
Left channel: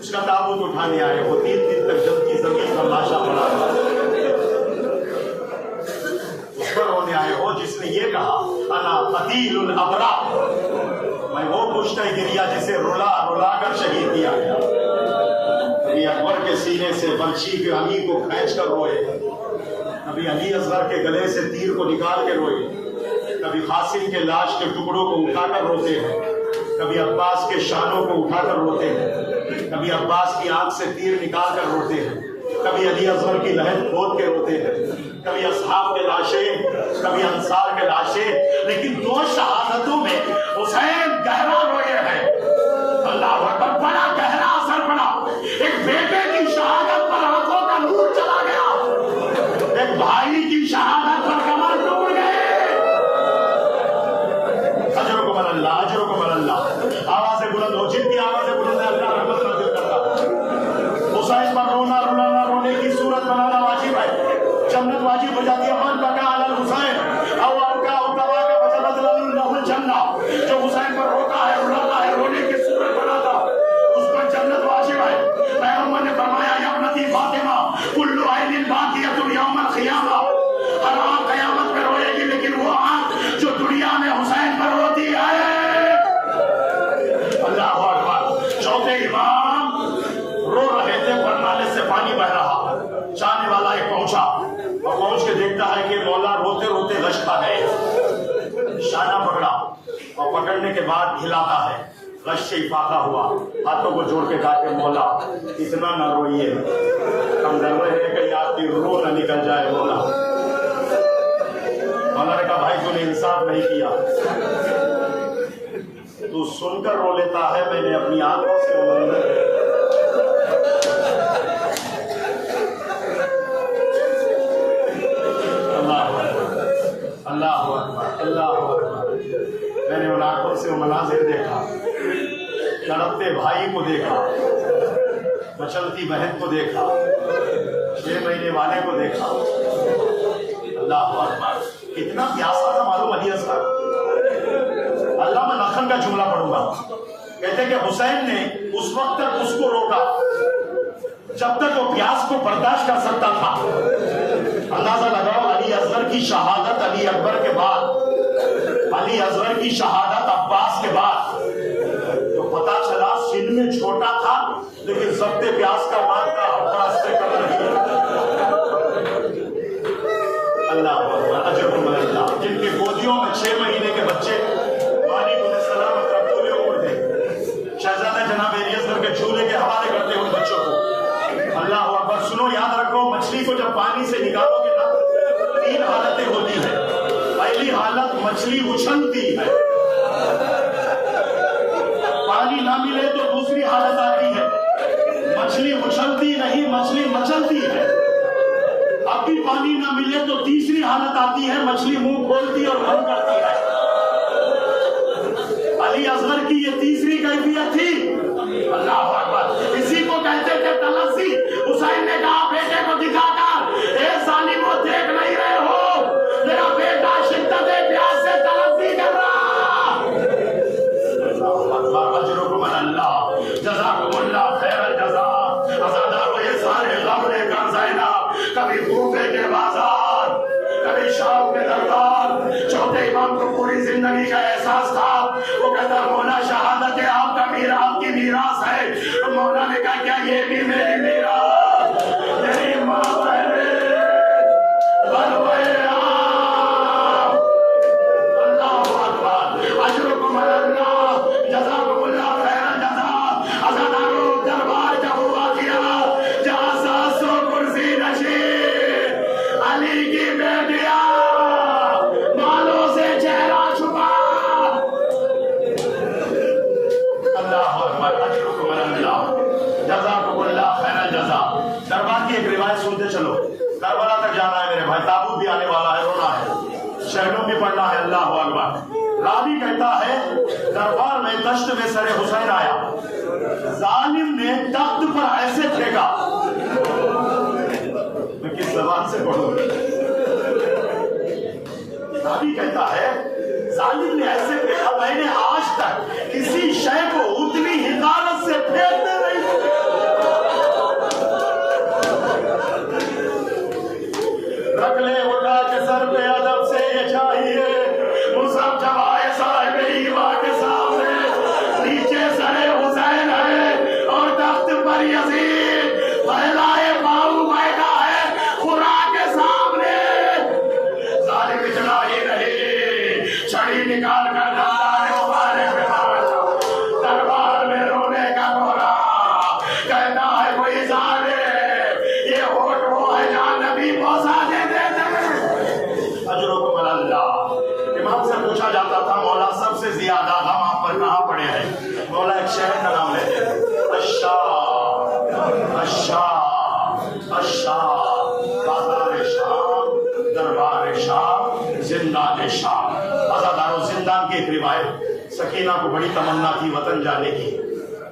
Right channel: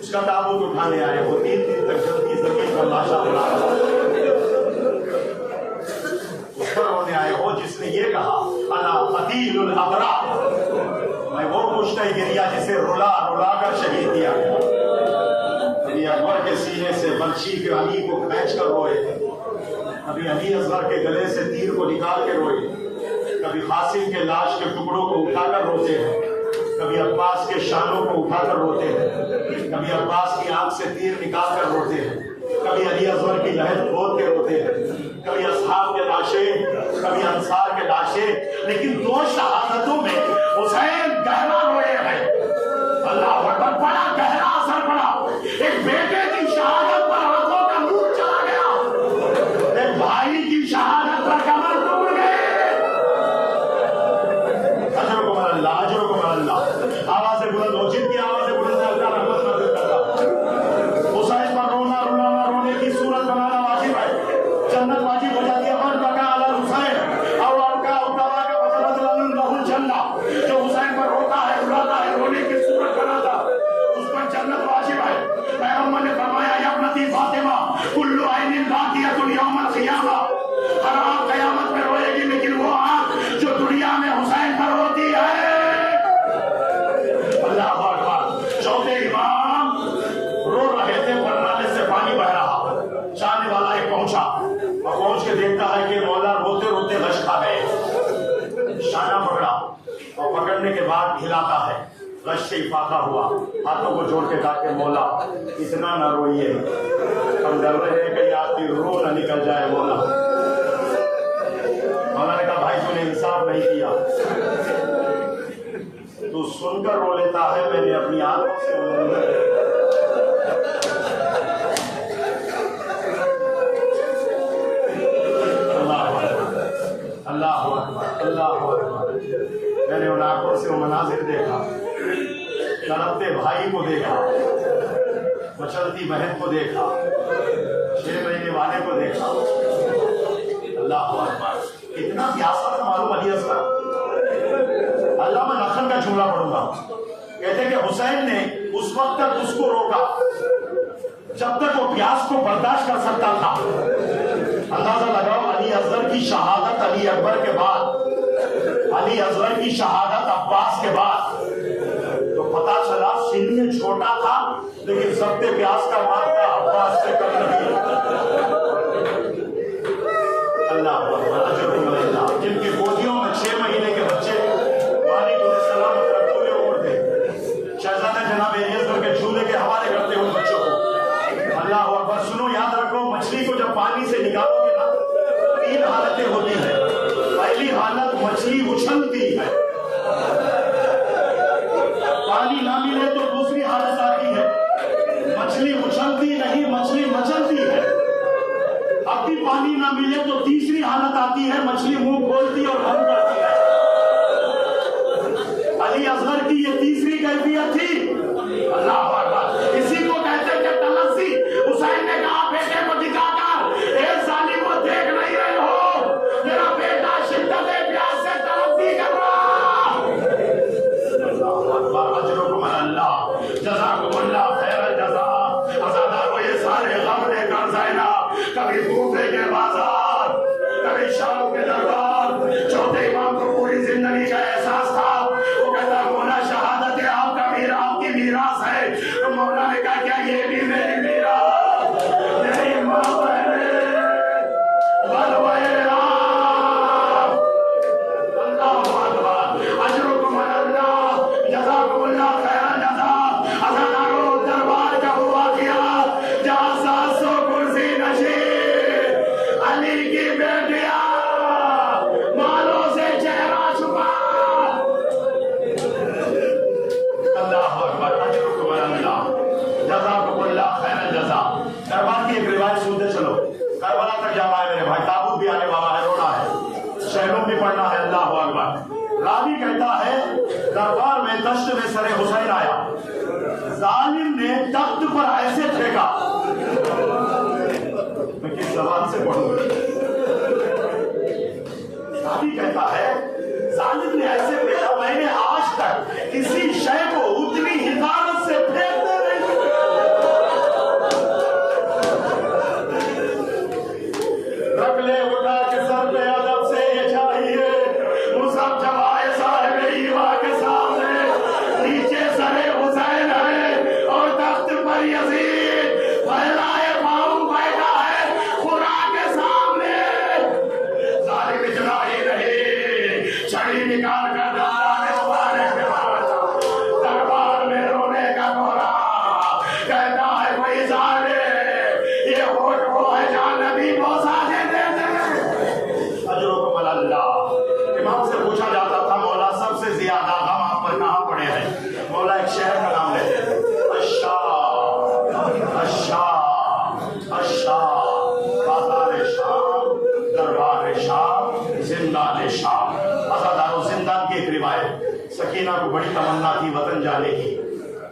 اس کا تابوت اٹھانے آئے ہو، 3 دن تک جد کی زمین پر لاشا پڑا تھا، اس پر رونے آئے ہو جس نے یہ کہا انا قتیل الابرار، میں وہ کشتہ گریا جسے رلا رلا کر شہید کیا گیا۔ کبھی اکبر کے سینے سے برچھی کے علی کو کھینچ کر روئے، کبھی علی اصغر کے گلے سے تیر کو نکال کے روئے، کبھی قاسم کے لاش کے ٹکڑوں کو اٹھا کر روتے ہیں، کبھی عباس کے شانوں کو اٹھا کر روتے ہیں، کبھی عباس کی آنکھ سے تیر نکال کر روتے ہیں، کبھی علی اصغر کی لحد کھود کے روتے ہیں، کبھی اصحاب کے لاشیں، کبھی انصار کے لاشیں، لیکن 2 شہادتوں میں حسین گہرا روئے ہیں۔ اللہ اکبر، بڑا گہرا اثر پڑا۔ ایک بیٹے کی شہادت پر آنکھوں کا نور چلا گیا، ایک بھائی کی شہادت پر کمر ٹوٹ گئے۔ اجرکم اللہ، اجرکم اللہ۔ آوازیں بلند ہو، جن کی آوازیں بلند ہے اللہ رحمت نازل کرتا۔ حسین پر رونا رونا رونے کی صورت بنانا واجب ہے، جنت واجب ہو جاتی ہے۔ من بکا علی الحسین او ابکا او توا کا وجبت لہ الجنہ، جو حسین پر روتا ہے رلاتا ہے، رونے کی صورت بناتا، اس پر جنت واجب ہے۔ پیغمبر نے فرمایا یا ابنتی فاطمہ کل عین باقیۃ یوم القیامہ، ہر آنکھ قیامت میں روئے گی لیکن وہ آنکھ جو دنیا میں حسین پر روتی ہے۔ اللہ اکبر۔ چوتھے امام رو رہے تھے پر نالے سے پانی بہ رہا، چاہنے والا ایک پہنچا اور پہنچ کے دیکھتا ہے کہ مولا روتے روتے غش کھا گئے، شانہ پکڑا اور پکڑنے کے بعد ہلاتا ہے، غش سے افاقہ ہوا، ہاتھوں کو جوڑ کے کہا کہ مولا اتنا نہ روئیے، ہم ڈر رہے ہیں کہ آپ کی روح نہ نکل جائے۔ مولا نے کہا بھائی تو نے انصاف نہیں کیا، تو سن کر رو لیتا ہے، میں نے اپنی آنکھوں سے اللہ اکبر، اللہ اکبر۔ میں نے ان آنکھوں سے وہ مناظر دیکھا، تڑپتے بھائی کو دیکھا، مچلتی بہن کو دیکھا، 6 مہینے والے کو دیکھا۔ اللہ اکبر، کتنا پیاسا تھا معلوم علی اصغر۔ علامہ لکھن کا جملہ پڑھوں گا، کہتے کہ حسین نے اس وقت تک اس کو روکا جب تک وہ پیاس کو برداشت کر سکتا تھا۔ اندازہ لگاؤ، علی اصغر کی شہادت علی اکبر کے بعد، علی اصغر کی شہادت عباس کے بعد، تو پتا چلا سن میں چھوٹا تھا لیکن ضبط پیاس کا مادہ عباس سے کم نہیں۔ اللہ اجرکم اللہ۔ جن کی گودیوں میں 6 مہینے کے بچے والد علیہ السلام اگر پورے عمر تھے، شہزادہ جناب علی اصغر کے جھولے کے حوالے کرتے ان بچوں کو۔ اللہ اکبر۔ سنو، یاد رکھو، مچھلی کو جب پانی سے نکالو گے نا، 3 حالتیں ہوتی ہیں۔ پہلی حالت مچھلی اچھلتی ہے، پانی نہ ملے تو دوسری حالت آتی ہے مچھلی اچھلتی نہیں، مچھلی مچلتی ہے۔ اب بھی پانی نہ ملے تو تیسری حالت آتی ہے، مچھلی منہ کھولتی اور بند کرتی ہے۔ علی اصغر کی یہ تیسری کیفیت تھی۔ اللہ اکبر۔ اسی کو کہتے تھے تلسی۔ حسین نے کہا بیٹے کو دکھا کر، اے ظالمو دیکھ نہیں رہے ہو میرا بیٹا شدت پیاس سے تلسی کر رہا۔ اجرکم اللہ۔ میراث ہے. تو مولا نے کہا کیا یہ بھی میری میراث؟ میری ماں پہلے بلوائے آپ. اللہ اکبر. اجرکم اللہ جزاکم اللہ خیر جزا. ازادارو دربار کا ہوا کیا جہاں 700 کرسی نشین علی کی بیٹیاں بالوں سے چہرہ چھپا. اللہ اکبر. اجرکم اللہ جزاکم اللہ خیر جزا. دربار کی ایک روایت سنتے چلو. کربلا تک جانا ہے میرے بھائی. تابوت بھی آنے والا ہے. رونا ہے. شہنوں بھی پڑھنا ہے. اللہ اکبر. راوی کہتا ہے دربار میں دشت میں سر حسین آیا. ظالم نے تخت پر ایسے پھینکا. میں کس زبان سے پڑھوں؟ راوی کہتا ہے ظالم نے ایسے پھینکا میں نے آج تک کسی شے کو اتنی حفاظت سے پھینکتے نہیں. رکھ لے اٹھا کے سر پہ ادب سے یہ چاہیے. مصحف جمائے صاحب ایوان کے سامنے. نیچے سر حسین ہے اور تخت پر یزید پھیلائے پاؤں بیٹھا ہے خدا کے سامنے. ظالم اتنا ہی نہیں چھڑی نکال کر دوران مبارک پہ مارا. دربار میں رونے کا کولا. کہتا ہے کوئی ظالم یہ ہوٹ وہ ہے جہاں نبی بوسا دیتے تھے. اجرکم اللہ. امام سے پوچھا جاتا تھا مولا سب سے زیادہ ہم آپ پر کہاں پڑے ہیں؟ مولا ایک شہر کا نام لیتے ہیں. بازار شام دربار شام زندان شام. آزادارو زندان کی ایک روایت. سکینہ کو بڑی تمنا تھی وطن جانے کی.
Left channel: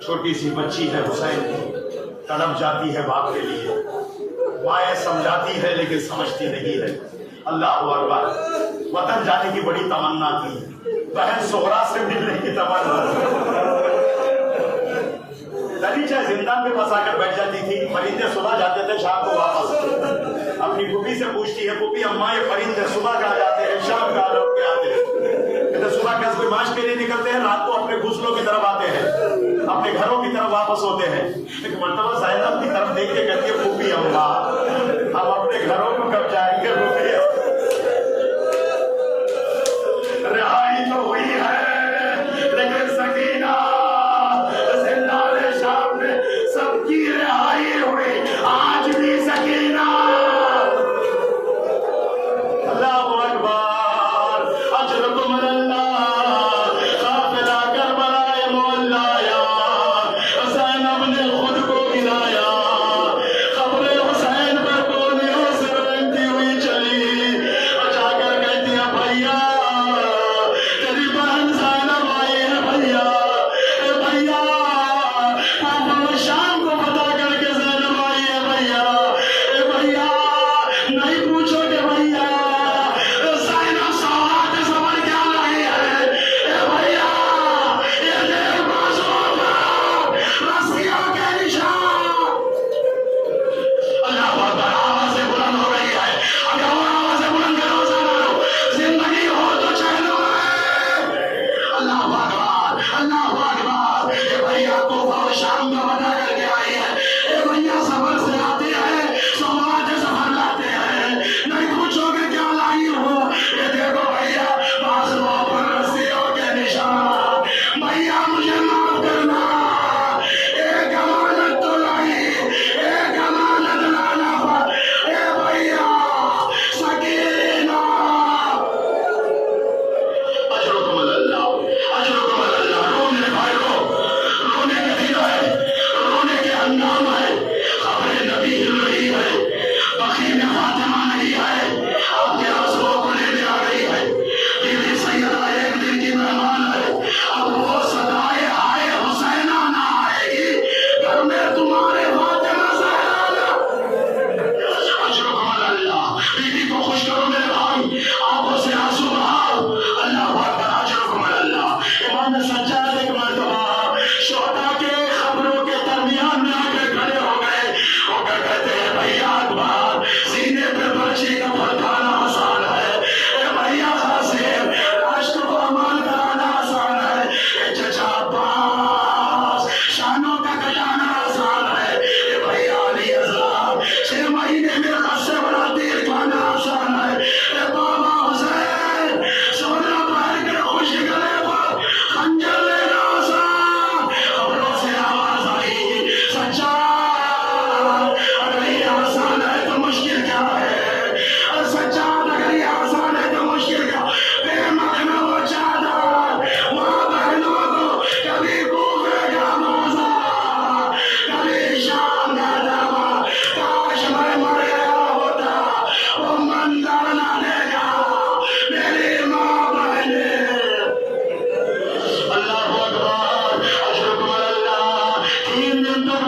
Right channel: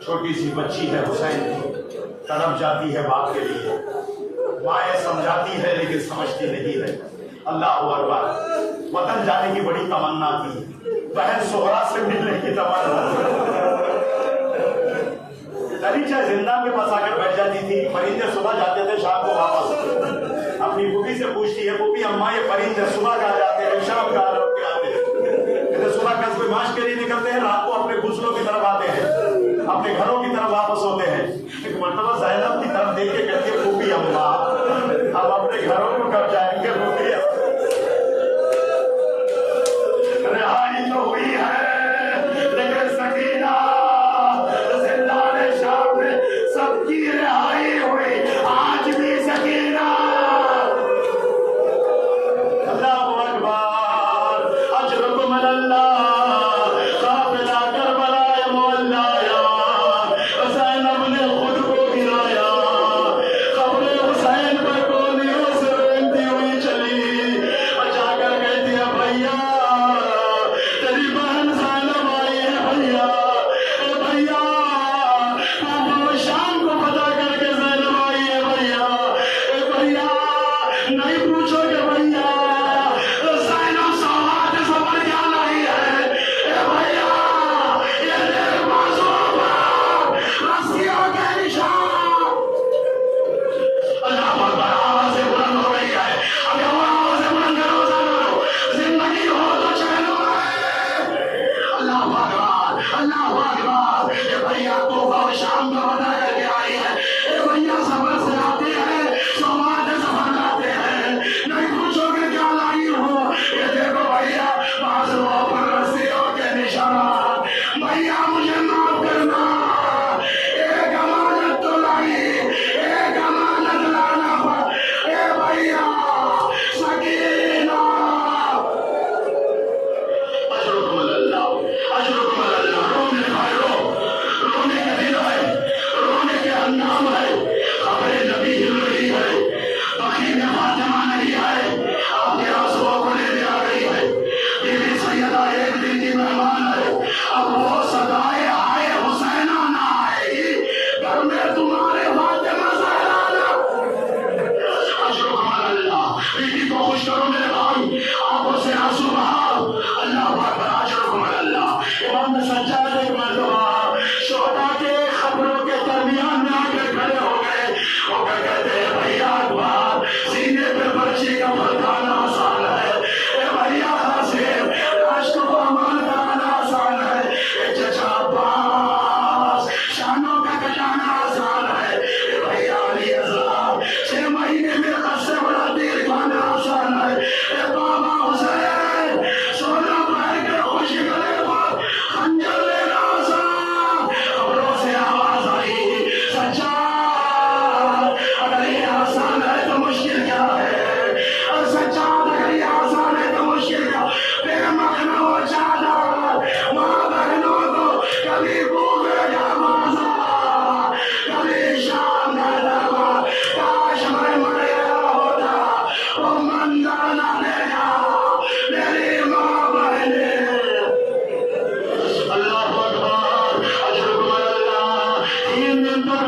چھوٹی سی بچی ہے حسین کی. تڑپ جاتی ہے باپ کے لیے. مائیں سمجھاتی ہے لیکن سمجھتی نہیں ہے. اللہ اکبر. وطن جانے کی بڑی تمنا تھی. بہن سہرا سے ملنے کی تمنا. دریچہ زندان کے پاس آ کر بیٹھ جاتی تھی. پرندے صبح جاتے تھے شام کو واپس. اپنی پھوپھی سے پوچھتی ہے پھوپھی اماں یہ پرندے صبح کہاں جاتے ہیں شام کہاں لوٹ کے آتے ہیں؟ کہتے صبح قصبے ماش کے لیے نکلتے ہیں رات کو اپنے گھسلوں کی طرف آتے ہیں اپنے گھروں کی طرف واپس ہوتے ہیں. ایک مرتبہ زینب کی طرف دیکھ کے کہتی ہے پھوپھی اماں ہم اپنے گھروں کو کب جائیں گے پھوپھی؟ رہائی تو ہوئی ہے لیکن سکینہ زندان شام میں سب کی رہائی ہوئی. آج بھی سکینہ. اللہ اکبر. اجرکم اللہ. قافلہ کربلا مولایا زینب نے خود کو گرایا. قبر حسین پر گولیوں سے بنتی ہوئی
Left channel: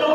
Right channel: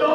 2